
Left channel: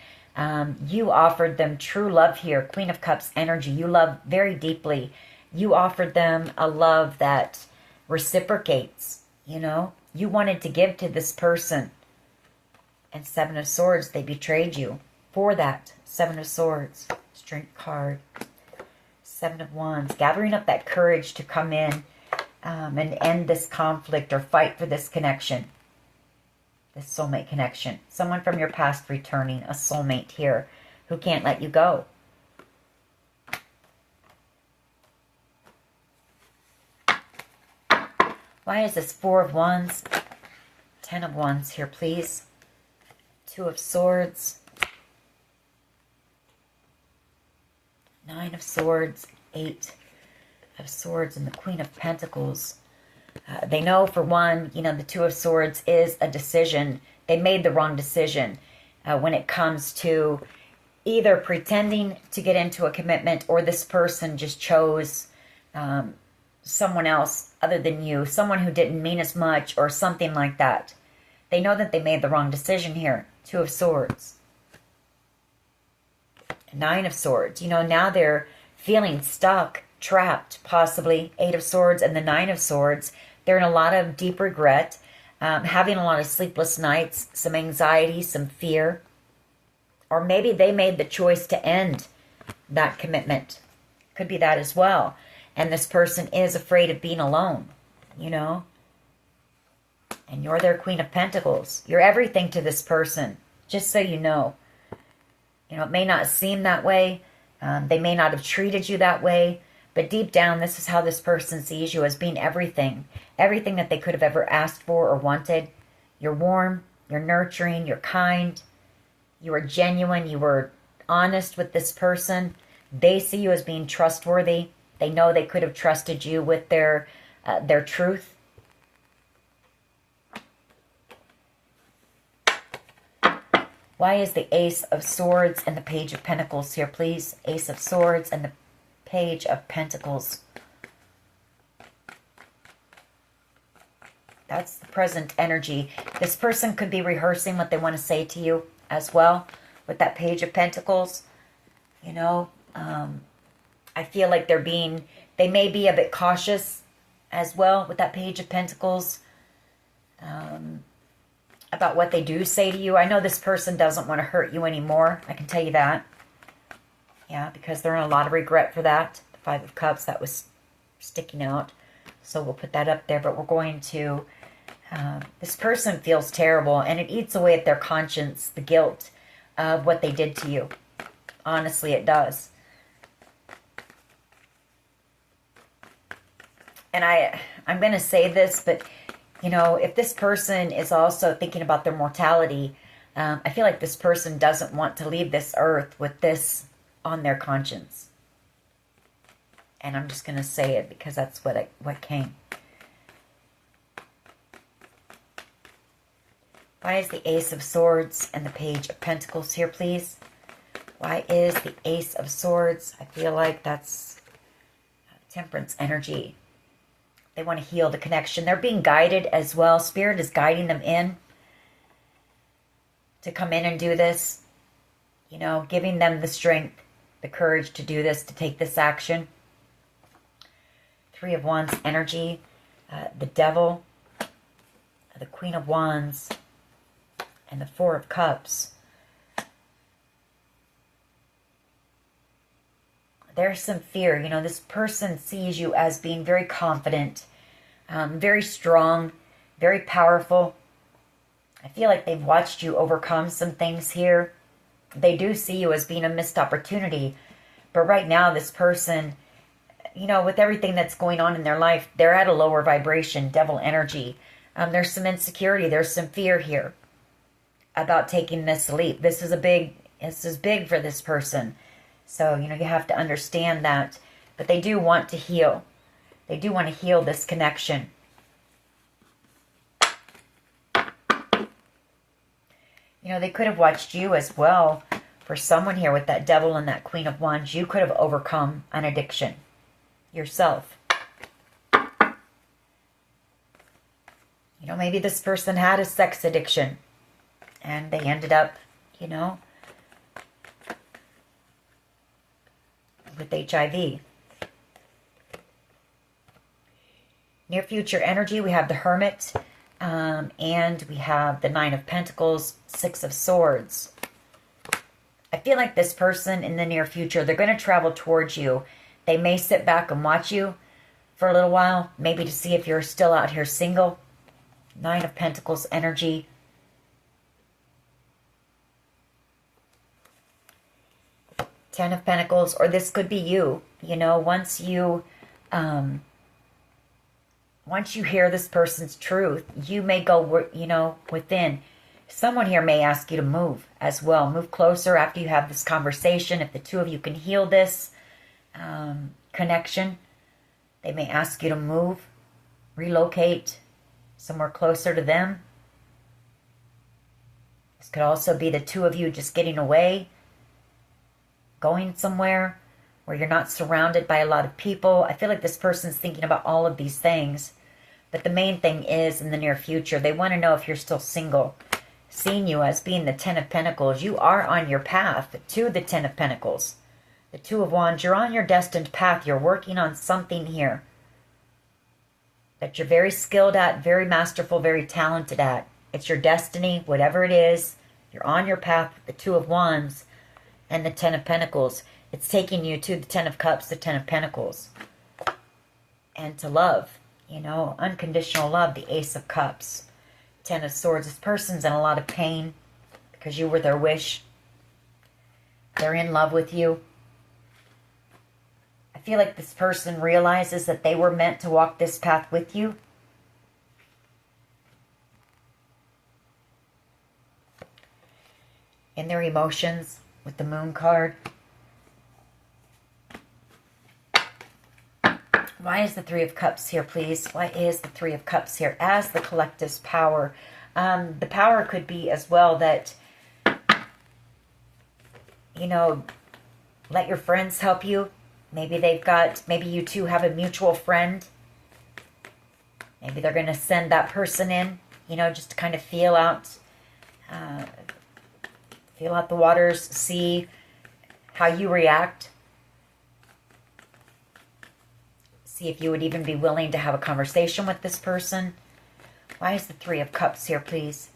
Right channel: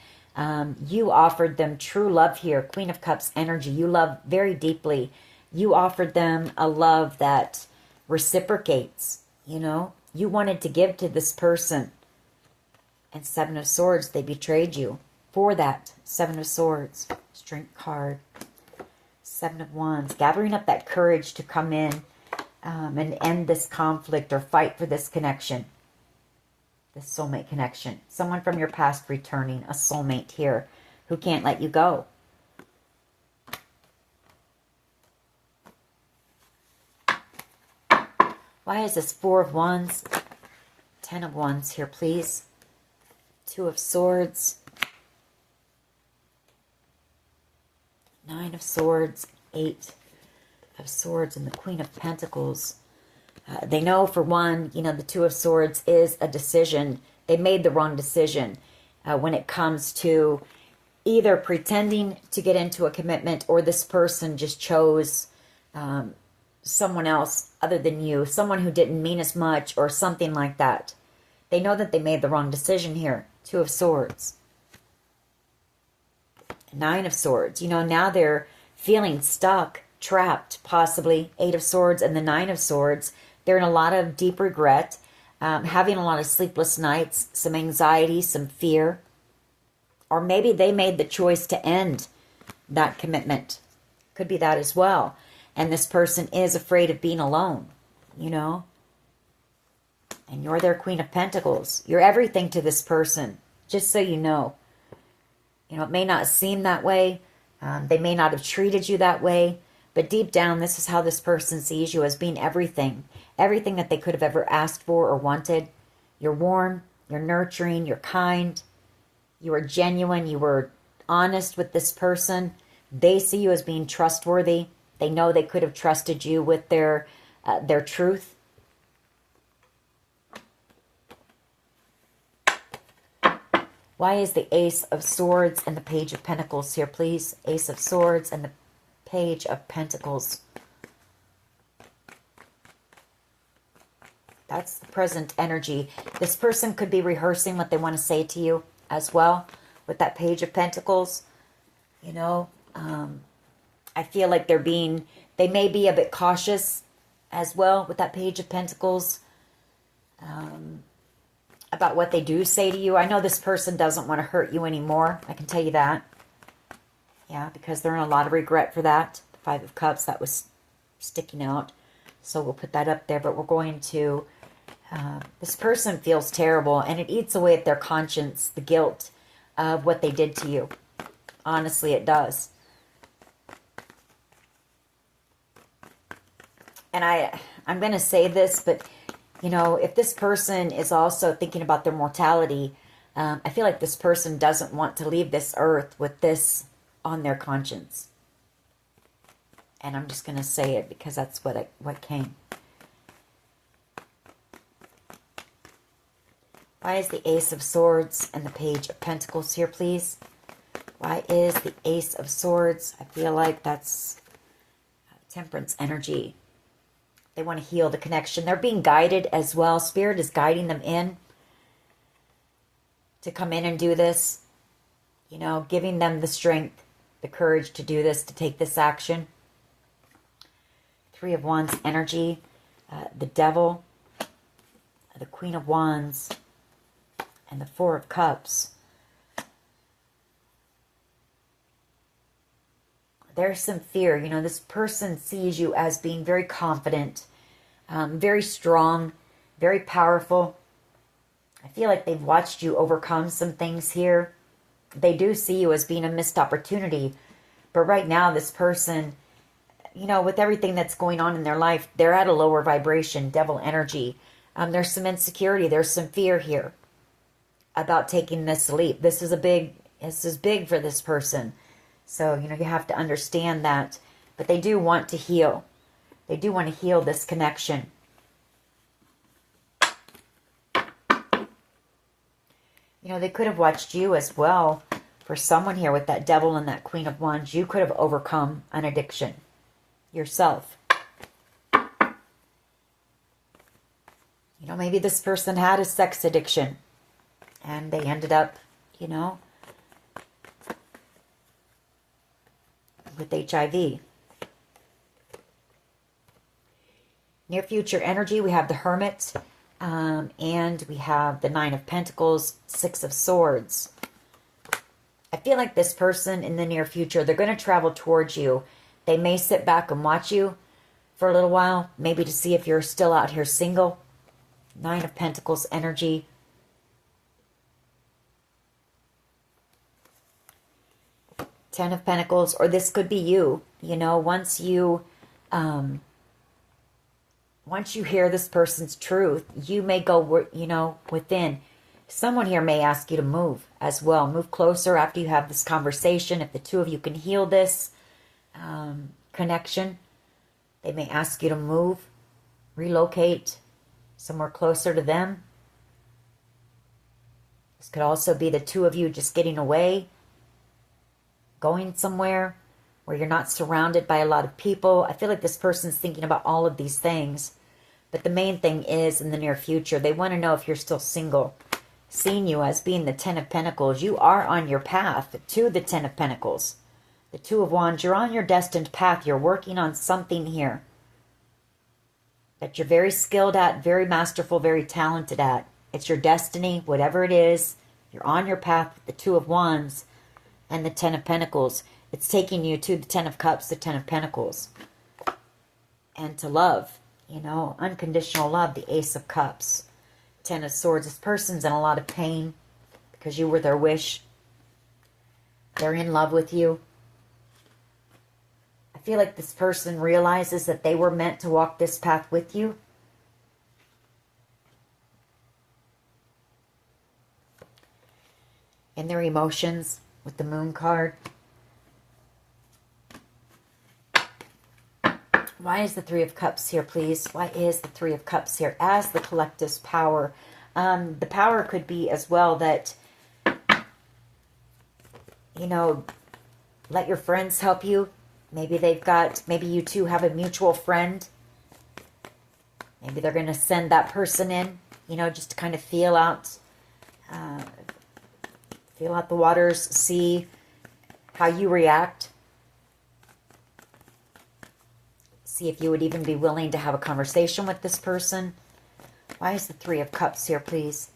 You offered them true love here. Queen of Cups energy. You love very deeply. You offered them a love that reciprocates, you know. You wanted to give to this person. And Seven of Swords, they betrayed you for that. Seven of Swords. Strength card. Seven of Wands. Gathering up that courage to come in and end this conflict or fight for this connection. This soulmate connection. Someone from your past returning. A soulmate here who can't let you go. Why is this Four of Wands? Ten of Wands here, please. Two of Swords. Nine of Swords. Eight of Swords and the Queen of Pentacles. They know, for one, you know, the Two of Swords is a decision. They made the wrong decision when it comes to either pretending to get into a commitment, or this person just chose someone else other than you, someone who didn't mean as much or something like that. They know that they made the wrong decision here. Two of Swords. Nine of Swords. You know, now they're feeling stuck, trapped, possibly. Eight of Swords and the Nine of Swords. They're in a lot of deep regret, having a lot of sleepless nights, some anxiety, some fear. Or maybe they made the choice to end that commitment. Could be that as well. And this person is afraid of being alone, you know. And you're their Queen of Pentacles. You're everything to this person, just so you know. You know, it may not seem that way. They may not have treated you that way. But deep down, this is how this person sees you, as being everything. Everything that they could have ever asked for or wanted. You're warm. You're nurturing. You're kind. You are genuine. You were honest with this person. They see you as being trustworthy. They know they could have trusted you with their truth. Why is the Ace of Swords and the Page of Pentacles here, please? Ace of Swords and the Page of Pentacles. That's the present energy. This person could be rehearsing what they want to say to you as well with that Page of Pentacles. You know, I feel like they may be a bit cautious as well with that Page of Pentacles, about what they do say to you. I know this person doesn't want to hurt you anymore. I can tell you that. Yeah, because they're in a lot of regret for that. The Five of Cups, that was sticking out. So we'll put that up there. But we're going to... this person feels terrible, and it eats away at their conscience, the guilt of what they did to you. Honestly, it does. And I'm going to say this, but, you know, if this person is also thinking about their mortality, I feel like this person doesn't want to leave this earth with this on their conscience. And I'm just going to say it because that's what came. Why is the Ace of Swords and the Page of Pentacles here, please? Why is the Ace of Swords? I feel like that's Temperance energy. They want to heal the connection. They're being guided as well. Spirit is guiding them in to come in and do this. You know, giving them the strength, the courage to do this, to take this action. Three of Wands energy. The Devil. The Queen of Wands. And the Four of Cups. There's some fear. You know, this person sees you as being very confident, very strong, very powerful. I feel like they've watched you overcome some things here. They do see you as being a missed opportunity. But right now, this person, you know, with everything that's going on in their life, they're at a lower vibration, Devil energy. There's some insecurity. There's some fear here about taking this leap. This is big for this person. So, you know, you have to understand that. But they do want to heal. They do want to heal this connection. You know, they could have watched you as well. For someone here with that Devil and that Queen of Wands, you could have overcome an addiction yourself. You know, maybe this person had a sex addiction and they ended up, you know, with HIV. Near future energy, we have the Hermit, and we have the Nine of Pentacles, Six of Swords. I feel like this person in the near future, they're going to travel towards you. They may sit back and watch you for a little while, maybe to see if you're still out here single. Nine of Pentacles energy. Ten of Pentacles, or this could be you. You know, once you hear this person's truth, you may go, you know, within. Someone here may ask you to move as well. Move closer after you have this conversation. If the two of you can heal this connection, they may ask you to move, relocate somewhere closer to them. This could also be the two of you just getting away, going somewhere where you're not surrounded by a lot of people. I feel like this person's thinking about all of these things. But the main thing is, in the near future, they want to know if you're still single. Seeing you as being the Ten of Pentacles, you are on your path to the Ten of Pentacles. The Two of Wands, you're on your destined path. You're working on something here that you're very skilled at, very masterful, very talented at. It's your destiny, whatever it is. You're on your path with the Two of Wands and the Ten of Pentacles. It's taking you to the Ten of Cups, the Ten of Pentacles. And to love, you know, unconditional love, the Ace of Cups. Ten of Swords. This person's in a lot of pain because you were their wish. They're in love with you. I feel like this person realizes that they were meant to walk this path with you. In their emotions with the Moon card. Why is the Three of Cups here, please? Why is the Three of Cups here as the collective's power? The power could be as well that, you know, let your friends help you. Maybe maybe you two have a mutual friend. Maybe they're going to send that person in, you know, just to kind of feel out the waters, see how you react. See if you would even be willing to have a conversation with this person. Why is the Three of Cups here, please?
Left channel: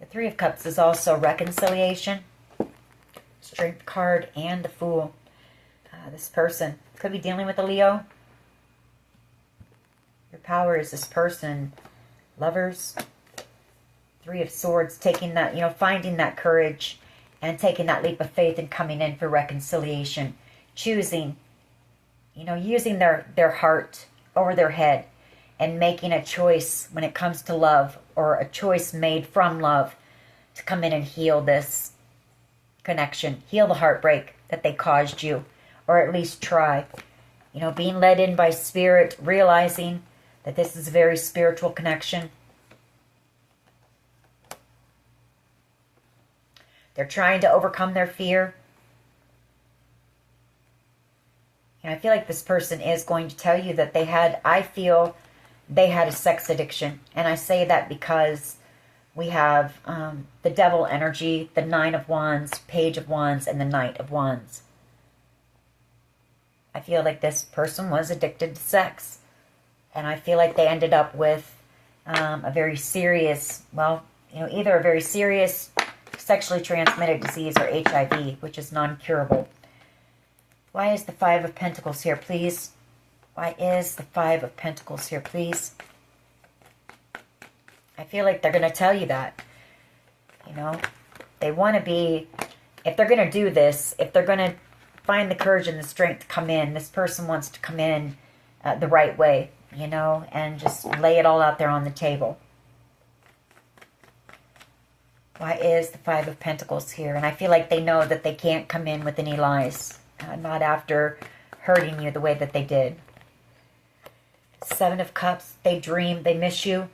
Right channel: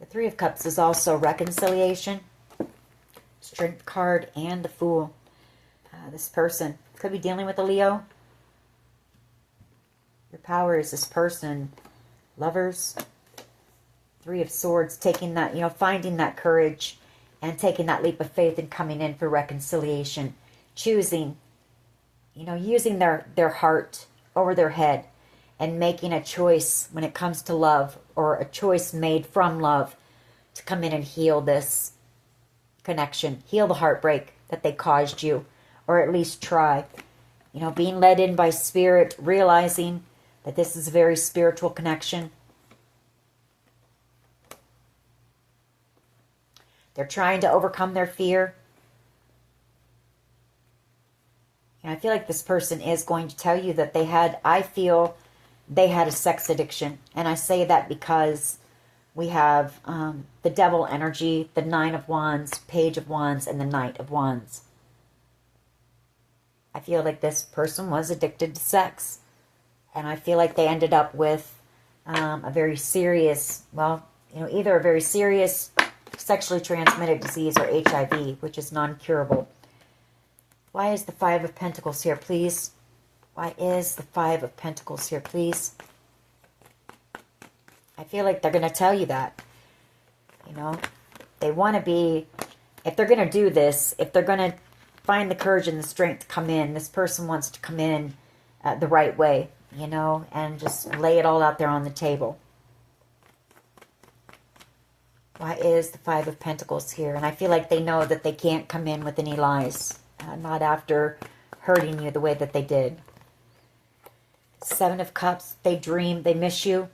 The Three of Cups is also reconciliation. Strength card and the Fool. This person could be dealing with a Leo. Your power is this person. Lovers. Three of Swords, taking that, finding that courage and taking that leap of faith and coming in for reconciliation. Choosing, using their heart over their head and making a choice when it comes to love, or a choice made from love, to come in and heal this connection. Heal the heartbreak that they caused you, or at least try. Being led in by spirit, realizing that this is a very spiritual connection. They're trying to overcome their fear. And I feel like this person is going to tell you that I feel they had a sex addiction. And I say that because we have the Devil energy, the Nine of Wands, Page of Wands, and the Knight of Wands. I feel like this person was addicted to sex. And I feel like they ended up with a very serious, either a very serious sexually transmitted disease or HIV, which is non-curable. Why is the Five of Pentacles here, please? Why is the Five of Pentacles here, please? I feel like they're going to tell you that. They want to be, if they're going to do this, if they're going to find the courage and the strength to come in, this person wants to come in the right way, and just lay it all out there on the table. Why is the Five of Pentacles here? And I feel like they know that they can't come in with any lies. Not after hurting you the way that they did. Seven of Cups. They dream. They miss you.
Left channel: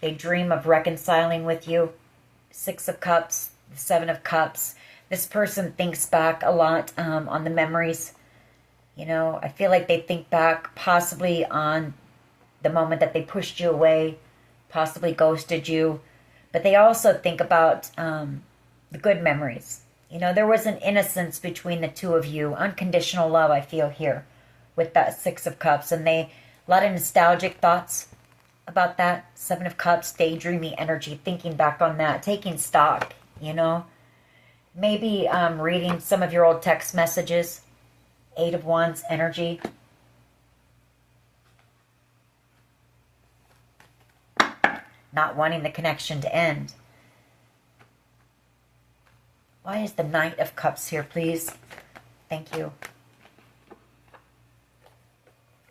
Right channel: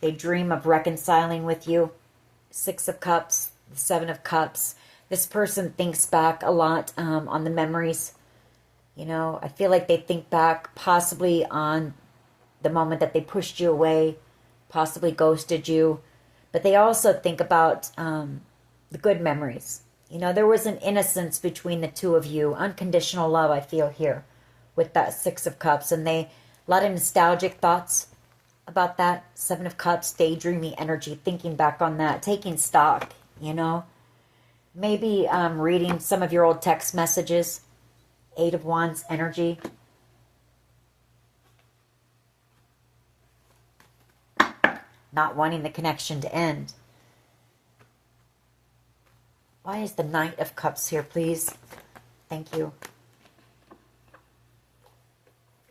They dream of reconciling with you. Six of Cups. The Seven of Cups. This person thinks back a lot on the memories. I feel like they think back possibly on the moment that they pushed you away. Possibly ghosted you. But they also think about the good memories. There was an innocence between the two of you. Unconditional love, I feel here, with that Six of Cups. And a lot of nostalgic thoughts about that. Seven of Cups, daydreamy energy, thinking back on that, taking stock, Maybe reading some of your old text messages. Eight of Wands energy. Not wanting the connection to end. Why is the Knight of Cups here, please? Thank you.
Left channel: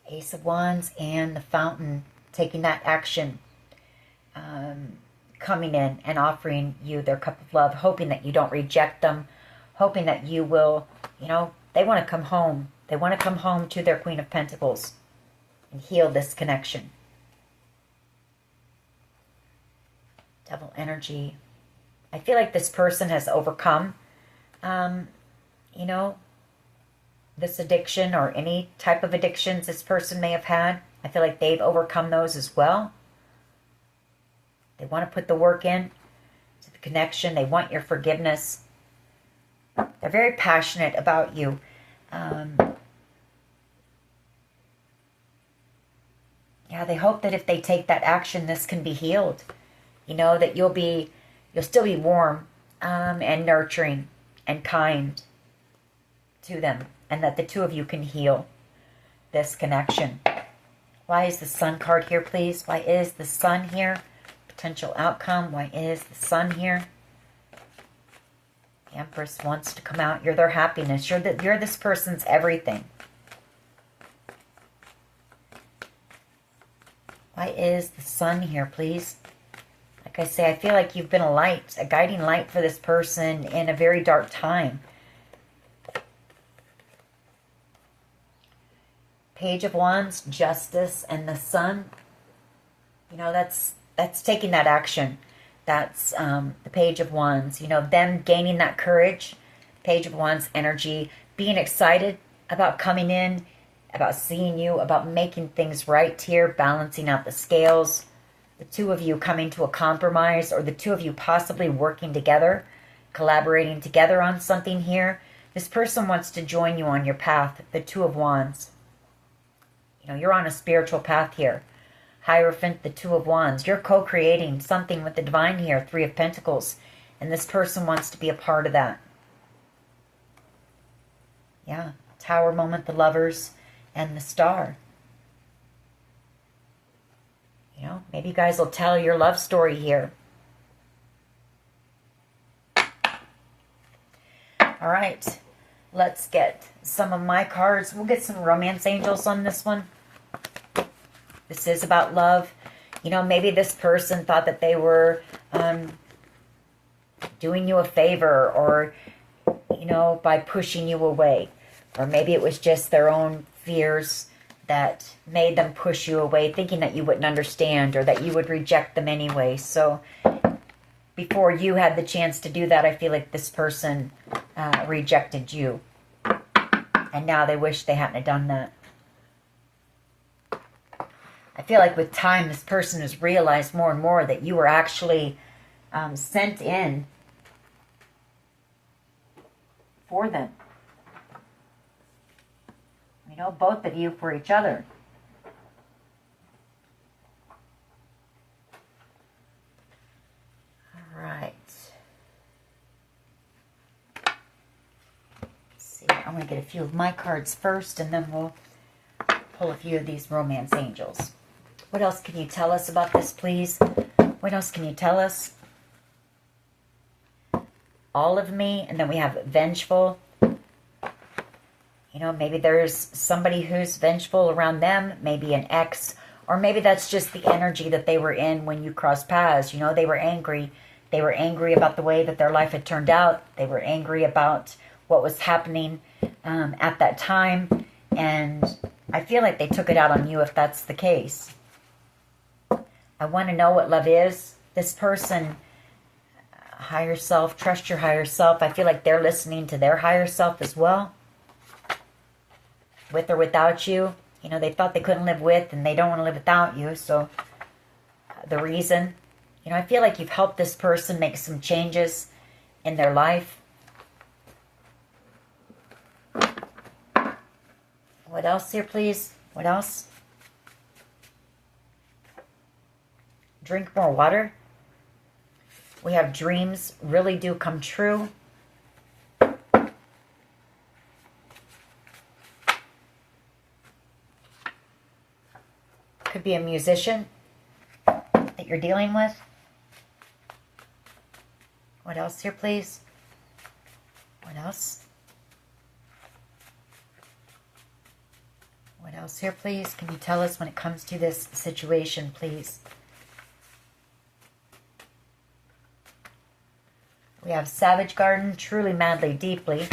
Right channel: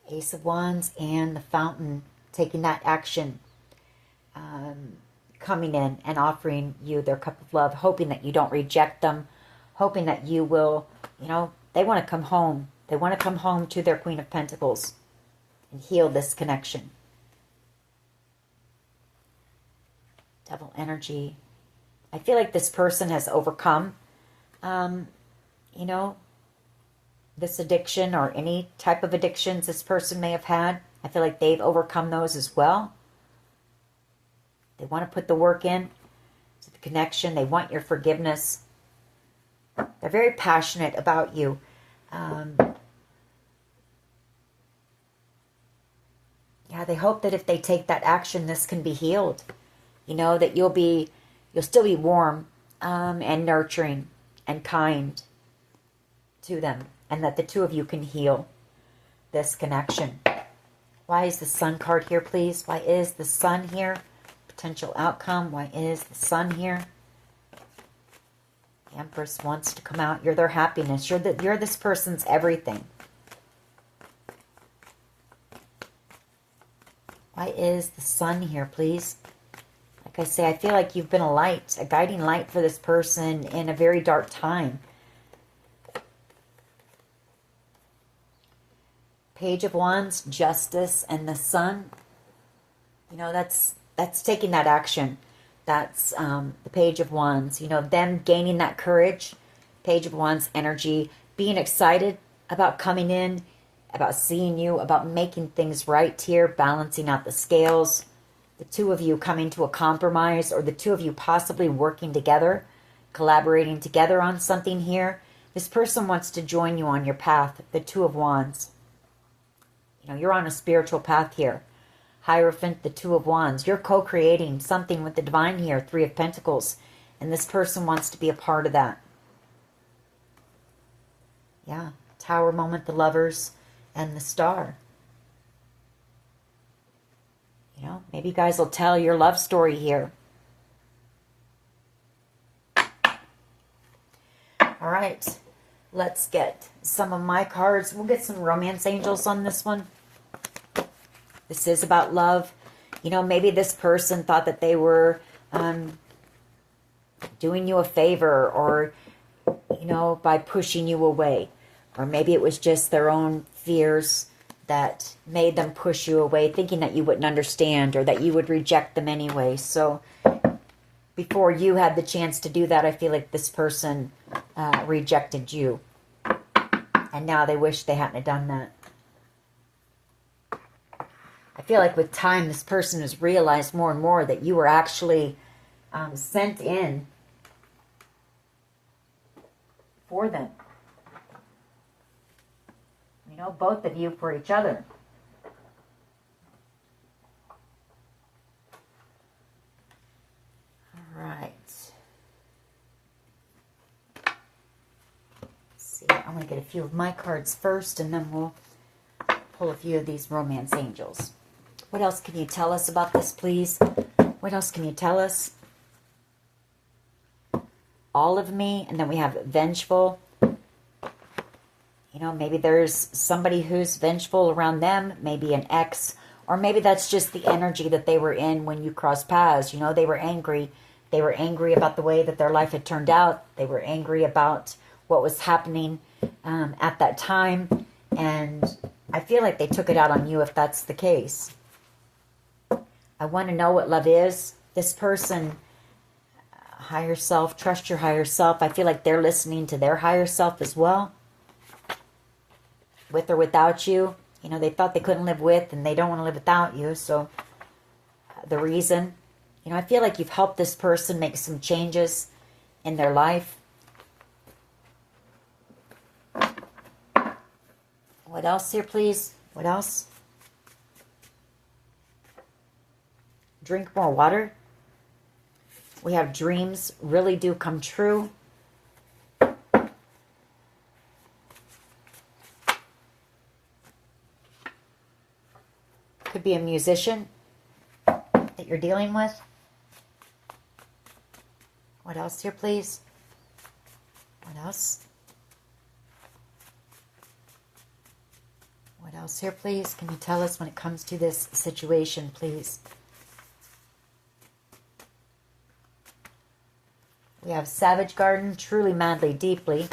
Ace of Wands and the Fountain. Taking that action. Coming in and offering you their cup of love. Hoping that you don't reject them. Hoping that you will, they want to come home. They want to come home to their Queen of Pentacles. And heal this connection. Devil energy. I feel like this person has overcome, this addiction or any type of addictions this person may have had. I feel like they've overcome those as well. They want to put the work in to the connection. They want your forgiveness. They're very passionate about you. They hope that if they take that action, this can be healed. That you'll still be warm and nurturing and kind to them. And that the two of you can heal this connection. Why is the Sun card here, please? Why is the Sun here? Potential outcome. Why is the Sun here? The Empress wants to come out. You're their happiness. You're this person's everything. Why is the Sun here, please? Like I say, I feel like you've been a light, a guiding light for this person in a very dark time. Page of Wands, Justice, and the Sun. That's taking that action. That's the Page of Wands. Them gaining that courage. Page of Wands energy. Being excited about coming in, about seeing you, about making things right here, balancing out the scales. The two of you coming to a compromise, or the two of you possibly working together, collaborating together on something here. This person wants to join you on your path, the Two of Wands. You know, you're on a spiritual path here. Hierophant, the Two of Wands. You're co-creating something with the divine here, Three of Pentacles. And this person wants to be a part of that. Yeah, Tower moment, the Lovers, and the Star. You know, maybe you guys will tell your love story here. All right, let's get some of my cards. We'll get some romance angels on this one. This is about love. You know, maybe this person thought that they were doing you a favor, or, you know, by pushing you away. Or maybe it was just their own fears that made them push you away, thinking that you wouldn't understand or that you would reject them anyway. So before you had the chance to do that, I feel like this person rejected you. And now they wish they hadn't done that. I feel like with time, this person has realized more and more that you were actually sent in for them. You know, both of you for each other. All right. Let's see, I'm going to get a few of my cards first, and then we'll pull a few of these romance angels. What else can you tell us about this, please? What else can you tell us? All of me, and then we have vengeful. You know, maybe there's somebody who's vengeful around them, maybe an ex, or maybe that's just the energy that they were in when you crossed paths. You know, they were angry. They were angry about the way that their life had turned out. They were angry about what was happening at that time. And I feel like they took it out on you if that's the case. I want to know what love is. This person, higher self, trust your higher self. I feel like they're listening to their higher self as well. With or without you. You know, they thought they couldn't live with, and they don't want to live without you. So the reason, you know, I feel like you've helped this person make some changes in their life. What else here, please? What else? Drink more water. We have dreams really do come true. Could be a musician that you're dealing with. What else here, please? What else? What else here, please? Can you tell us when it comes to this situation, please? We have Savage Garden, truly, madly, deeply.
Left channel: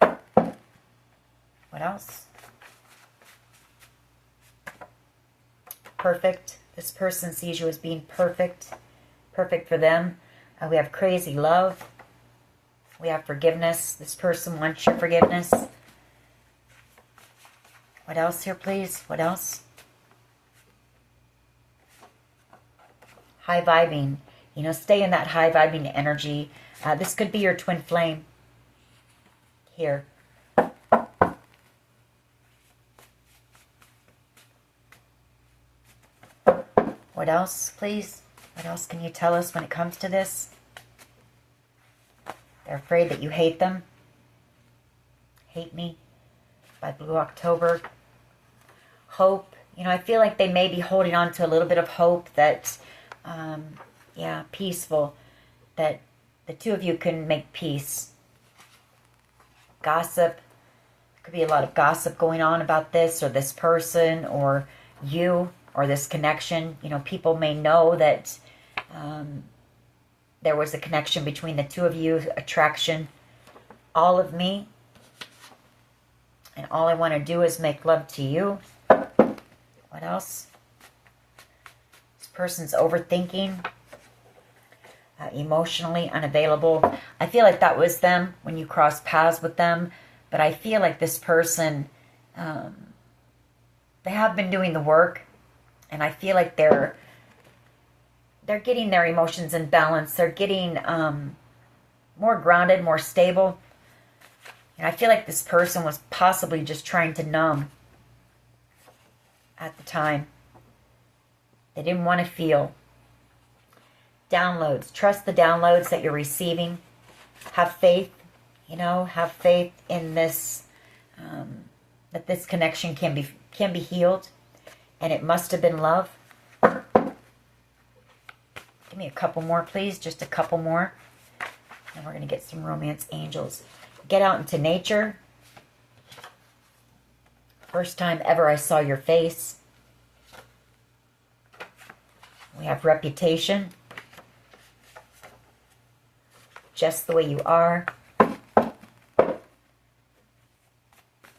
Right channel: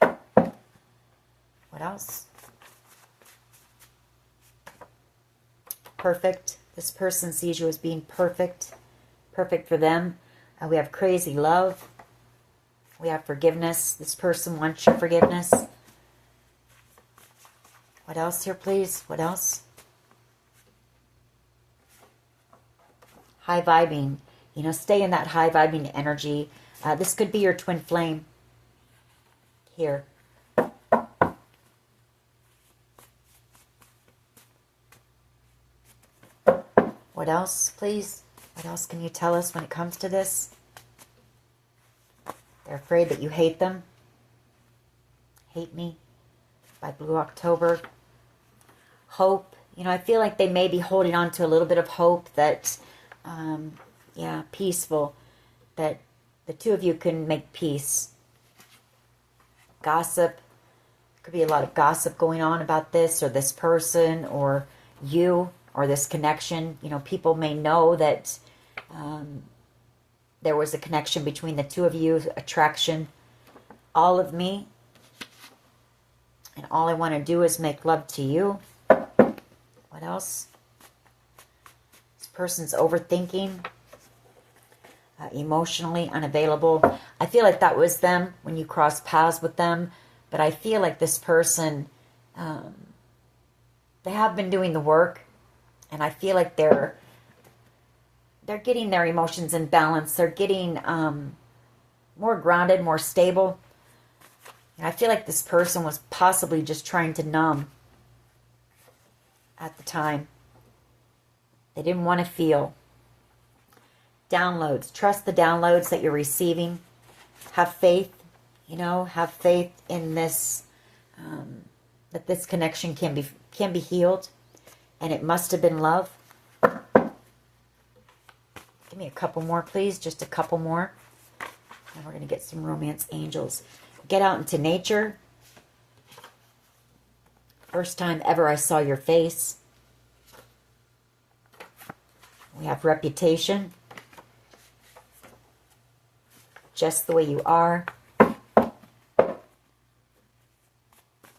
What else? Perfect. This person sees you as being perfect. Perfect for them. We have crazy love. We have forgiveness. This person wants your forgiveness. What else here, please? What else? High vibing. You know, stay in that high vibing energy. This could be your twin flame. Here. What else, please? What else can you tell us when it comes to this? They're afraid that you hate them. Hate Me by Blue October. Hope. You know, I feel like they may be holding on to a little bit of hope that, yeah, peaceful. That the two of you can make peace. Gossip. Could be a lot of gossip going on about this or this person or you or this connection. You know, people may know that there was a connection between the two of you, attraction. All of me. And all I want to do is make love to you. What else? This person's overthinking. Emotionally unavailable. I feel like that was them when you crossed paths with them. But I feel like this person, they have been doing the work. And I feel like they're getting their emotions in balance. They're getting more grounded, more stable. And I feel like this person was possibly just trying to numb at the time. They didn't want to feel. Downloads. Trust the downloads that you're receiving. Have faith, have faith in this, that this connection can be healed. And it must have been love. Give me a couple more, please. Just a couple more. And we're going to get some romance angels. Get out into nature. First time ever I saw your face. We have reputation. Just the way you are.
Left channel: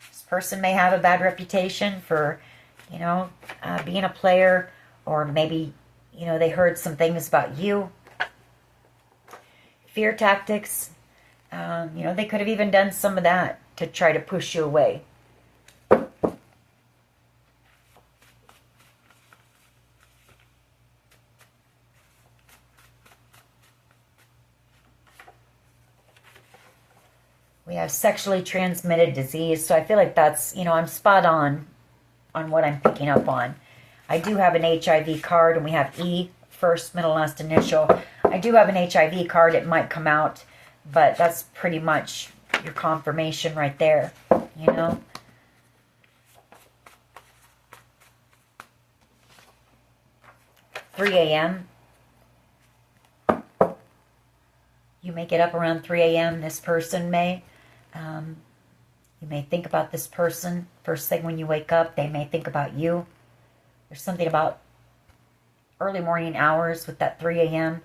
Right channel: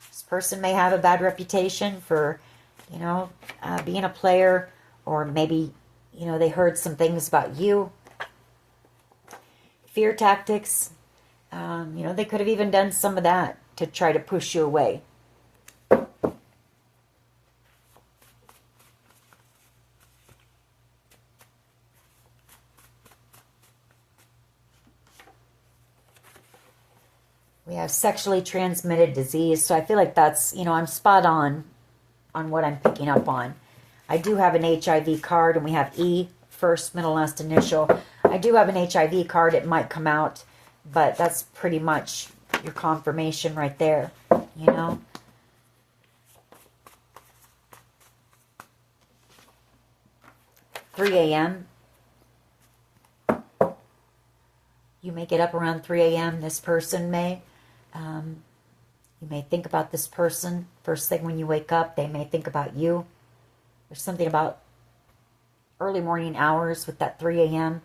This person may have a bad reputation for, being a player, or maybe, they heard some things about you. Fear tactics. They could have even done some of that to try to push you away. We have sexually transmitted disease. So I feel like that's, I'm spot on what I'm picking up on. I do have an HIV card, and we have E, first, middle, last initial. I do have an HIV card. It might come out, but that's pretty much your confirmation right there, 3 a.m. You may get up around 3 a.m. This person may. You may think about this person. First thing when you wake up, they may think about you. There's something about early morning hours with that 3 a.m.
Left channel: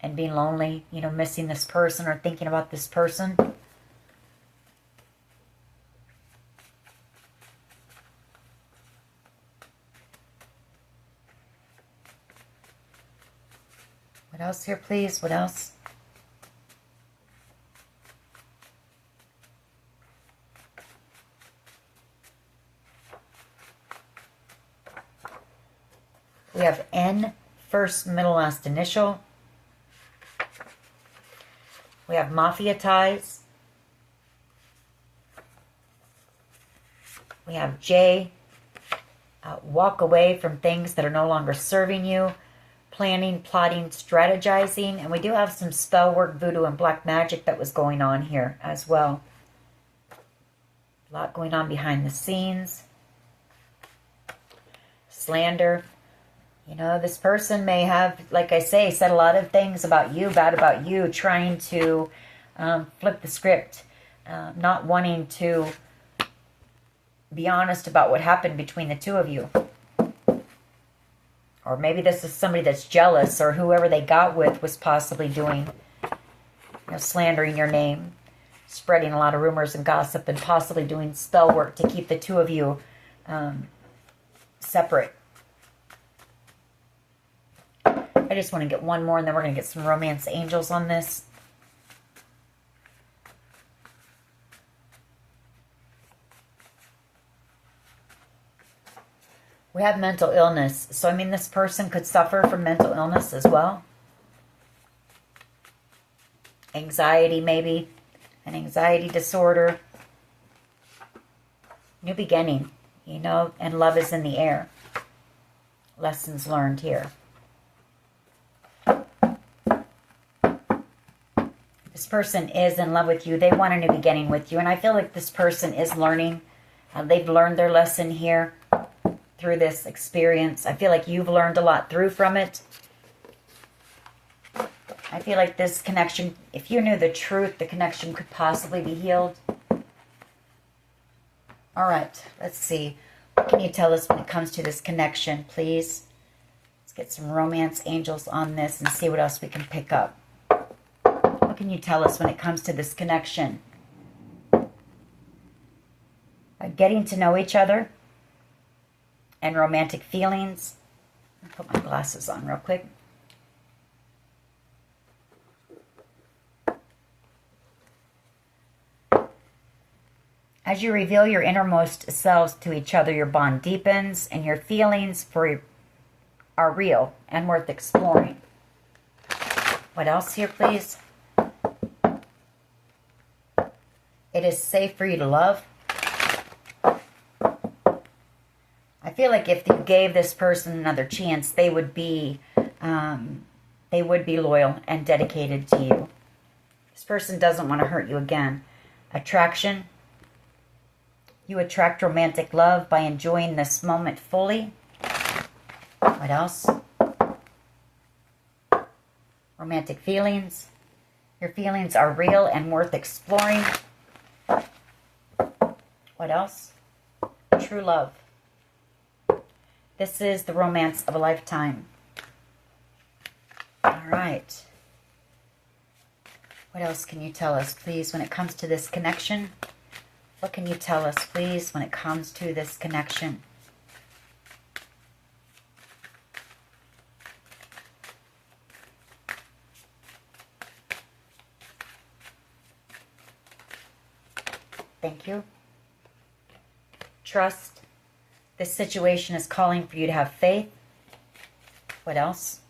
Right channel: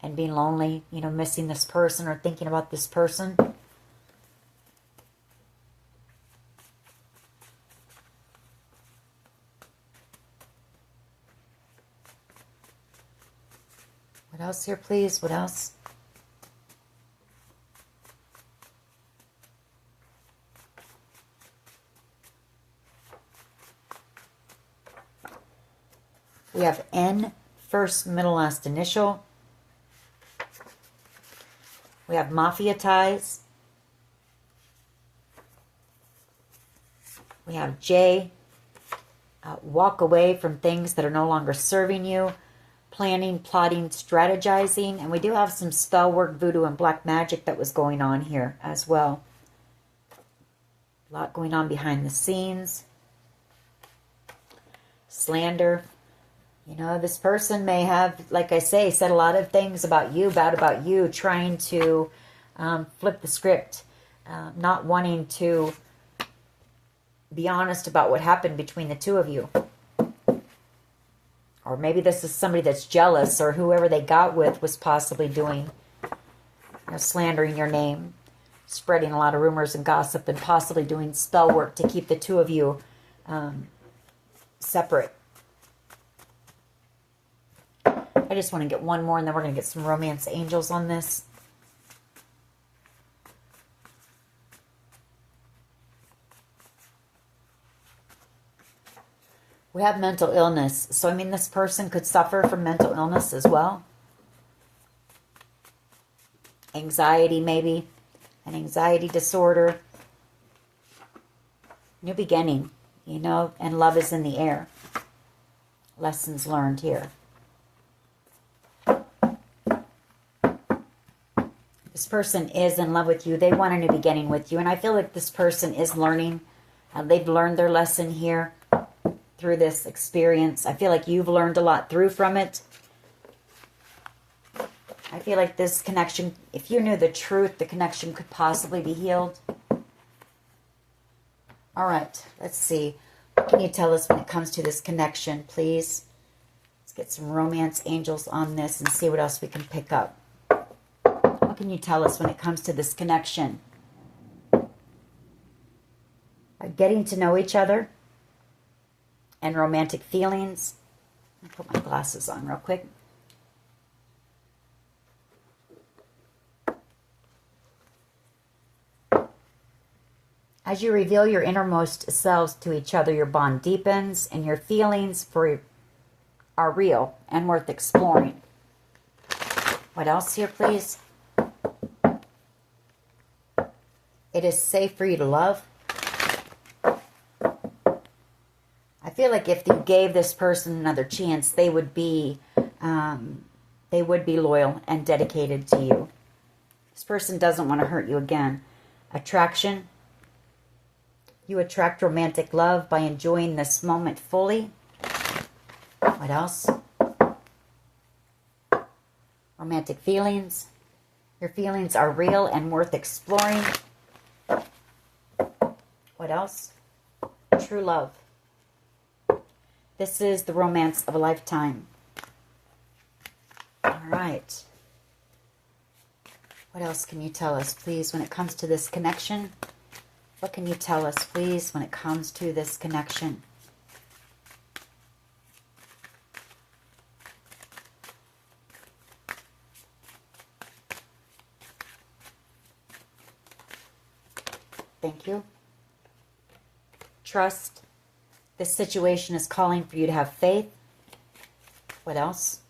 and being lonely, missing this person or thinking about this person. What else here, please? What else? We have N, first, middle, last initial. We have mafia ties. We have J, walk away from things that are no longer serving you. Planning, plotting, strategizing. And we do have some spell work, voodoo, and black magic that was going on here as well. A lot going on behind the scenes. Slander. This person may have, like I say, said a lot of things about you, bad about you, trying to flip the script, not wanting to be honest about what happened between the two of you. Or maybe this is somebody that's jealous, or whoever they got with was possibly doing, slandering your name, spreading a lot of rumors and gossip, and possibly doing spell work to keep the two of you separate. I just want to get one more, and then we're going to get some romance angels on this. We have mental illness. So, I mean, this person could suffer from mental illness as well. Anxiety, maybe. An anxiety disorder. New beginning, and love is in the air. Lessons learned here. This person is in love with you. They want a new beginning with you. And I feel like this person is learning. They've learned their lesson here through this experience. I feel like you've learned a lot from it. I feel like this connection, if you knew the truth, the connection could possibly be healed. All right, let's see. What can you tell us when it comes to this connection, please? Let's get some romance angels on this and see what else we can pick up. What can you tell us when it comes to this connection? By getting to know each other and romantic feelings. I'll put my glasses on real quick. As you reveal your innermost selves to each other, your bond deepens and your feelings are real and worth exploring. What else here, please? It is safe for you to love. I feel like if you gave this person another chance, they would be loyal and dedicated to you. This person doesn't want to hurt you again. Attraction. You attract romantic love by enjoying this moment fully. What else? Romantic feelings. Your feelings are real and worth exploring. What else? True love. This is the romance of a lifetime. All right. What else can you tell us, please, when it comes to this connection? What can you tell us, please, when it comes to this connection? Thank you. Trust. This situation is calling for you to have faith. What else?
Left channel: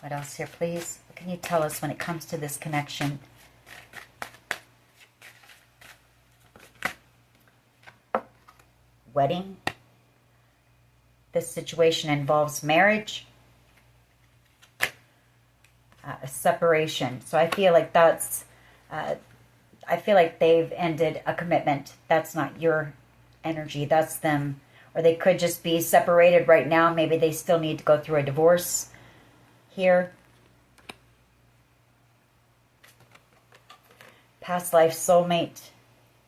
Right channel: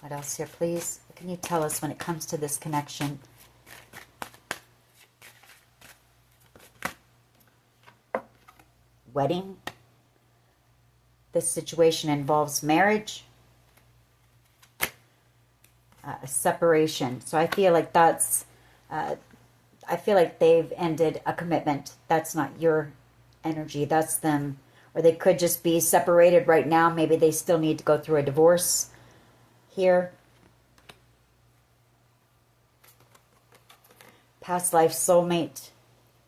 What else here, please? What can you tell us when it comes to this connection? Wedding. This situation involves marriage. A separation. So I feel like that's... I feel like they've ended a commitment. That's not your energy. That's them. Or they could just be separated right now. Maybe they still need to go through a divorce here. Past life soulmate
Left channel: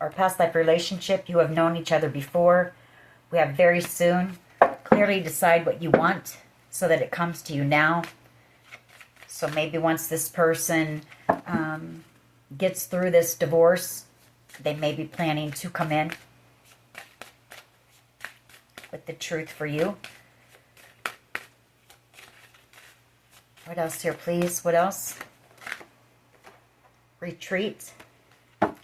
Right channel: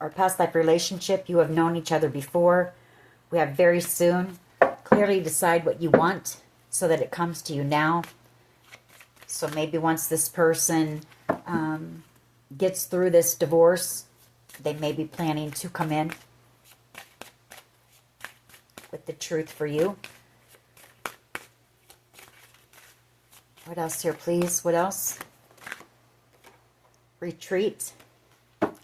or past life relationship. You have known each other before. We have very soon. Clearly decide what you want so that it comes to you now. So maybe once this person gets through this divorce, they may be planning to come in with the truth for you. What else here, please? What else? Retreat.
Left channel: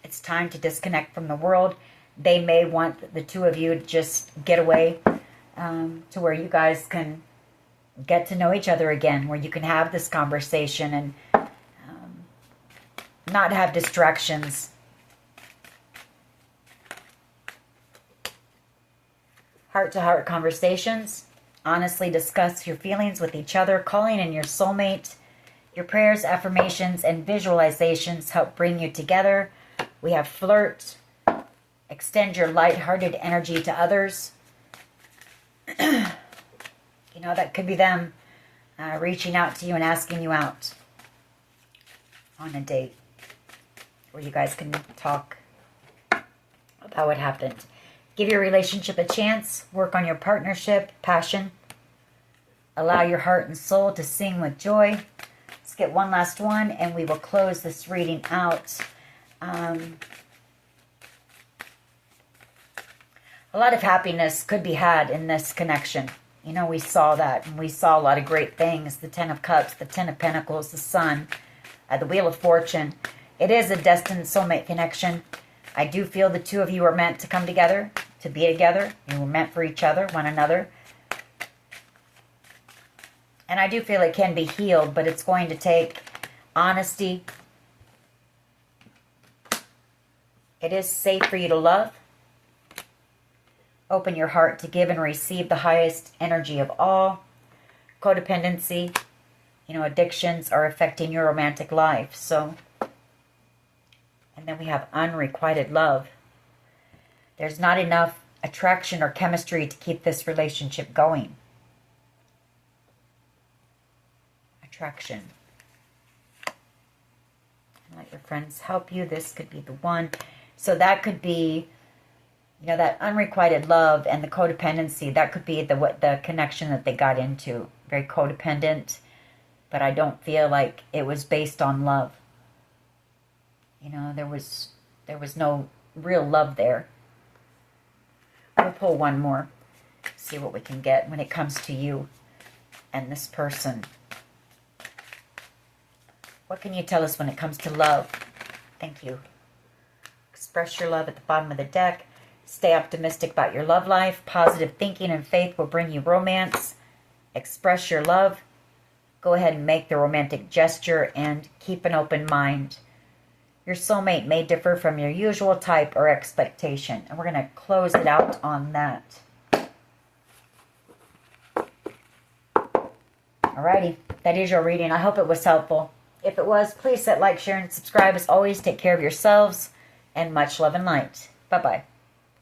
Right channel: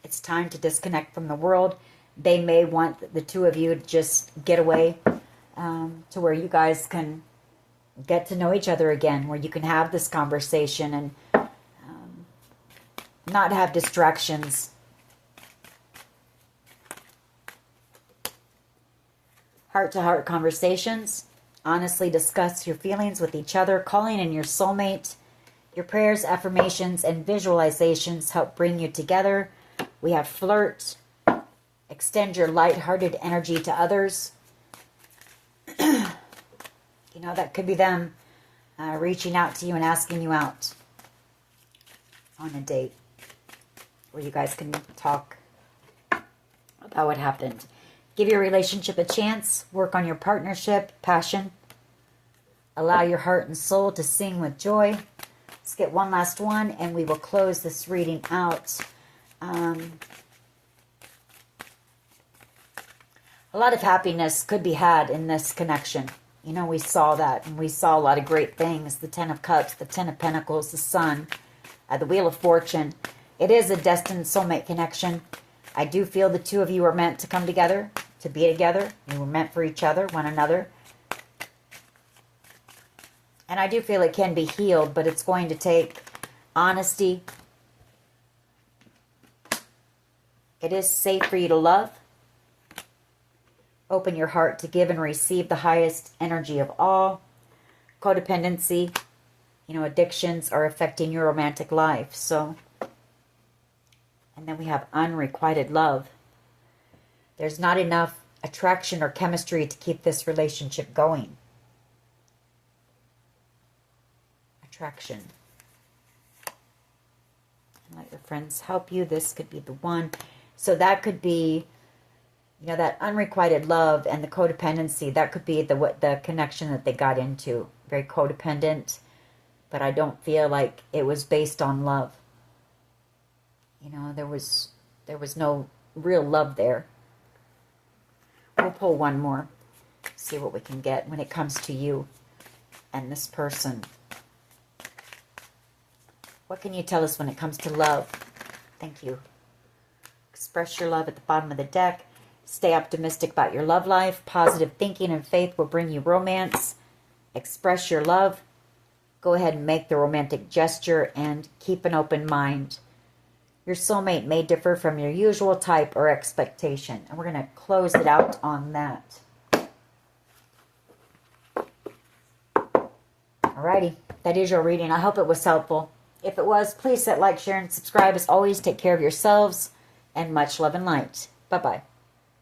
It's time to disconnect from the world. They may want the two of you to just get away to where you guys can get to know each other again, where you can have this conversation and not have distractions. Heart-to-heart conversations. Honestly discuss your feelings with each other. Calling in your soulmate. Your prayers, affirmations, and visualizations help bring you together. We have flirt. Extend your light-hearted energy to others. You know, that could be them reaching out to you and asking you out on a date where you guys can talk about what happened. Give your relationship a chance. Work on your partnership, passion. Allow your heart and soul to sing with joy. Let's get one last one and we will close this reading out. A lot of happiness could be had in this connection. You know, we saw that, and we saw a lot of great things. The Ten of Cups, the Ten of Pentacles, the Sun, the Wheel of Fortune. It is a destined soulmate connection. I do feel the two of you are meant to come together, to be together. You were meant for each other, one another. And I do feel it can be healed, but it's going to take honesty. It is safe for you to love. Open your heart to give and receive the highest energy of all. Codependency, you know, addictions are affecting your romantic life. So, and then we have unrequited love. There's not enough attraction or chemistry to keep this relationship going. Attraction. Let your friends help you. This could be the one. So that could be, you know, that unrequited love and the codependency. That could be the connection that they got into. Very codependent, but I don't feel like it was based on love. You know, there was no real love there. We'll pull one more. See what we can get when it comes to you and this person. What can you tell us when it comes to love? Thank you. Express your love at the bottom of the deck. Stay optimistic about your love life. Positive thinking and faith will bring you romance. Express your love. go ahead and make the romantic gesture and keep an open mind. Your soulmate may differ from your usual type or expectation. And we're going to close it out on that. Alrighty, that is your reading. I hope it was helpful. If it was, please hit like, share, and subscribe. As always, take care of yourselves, and much love and light. Bye-bye.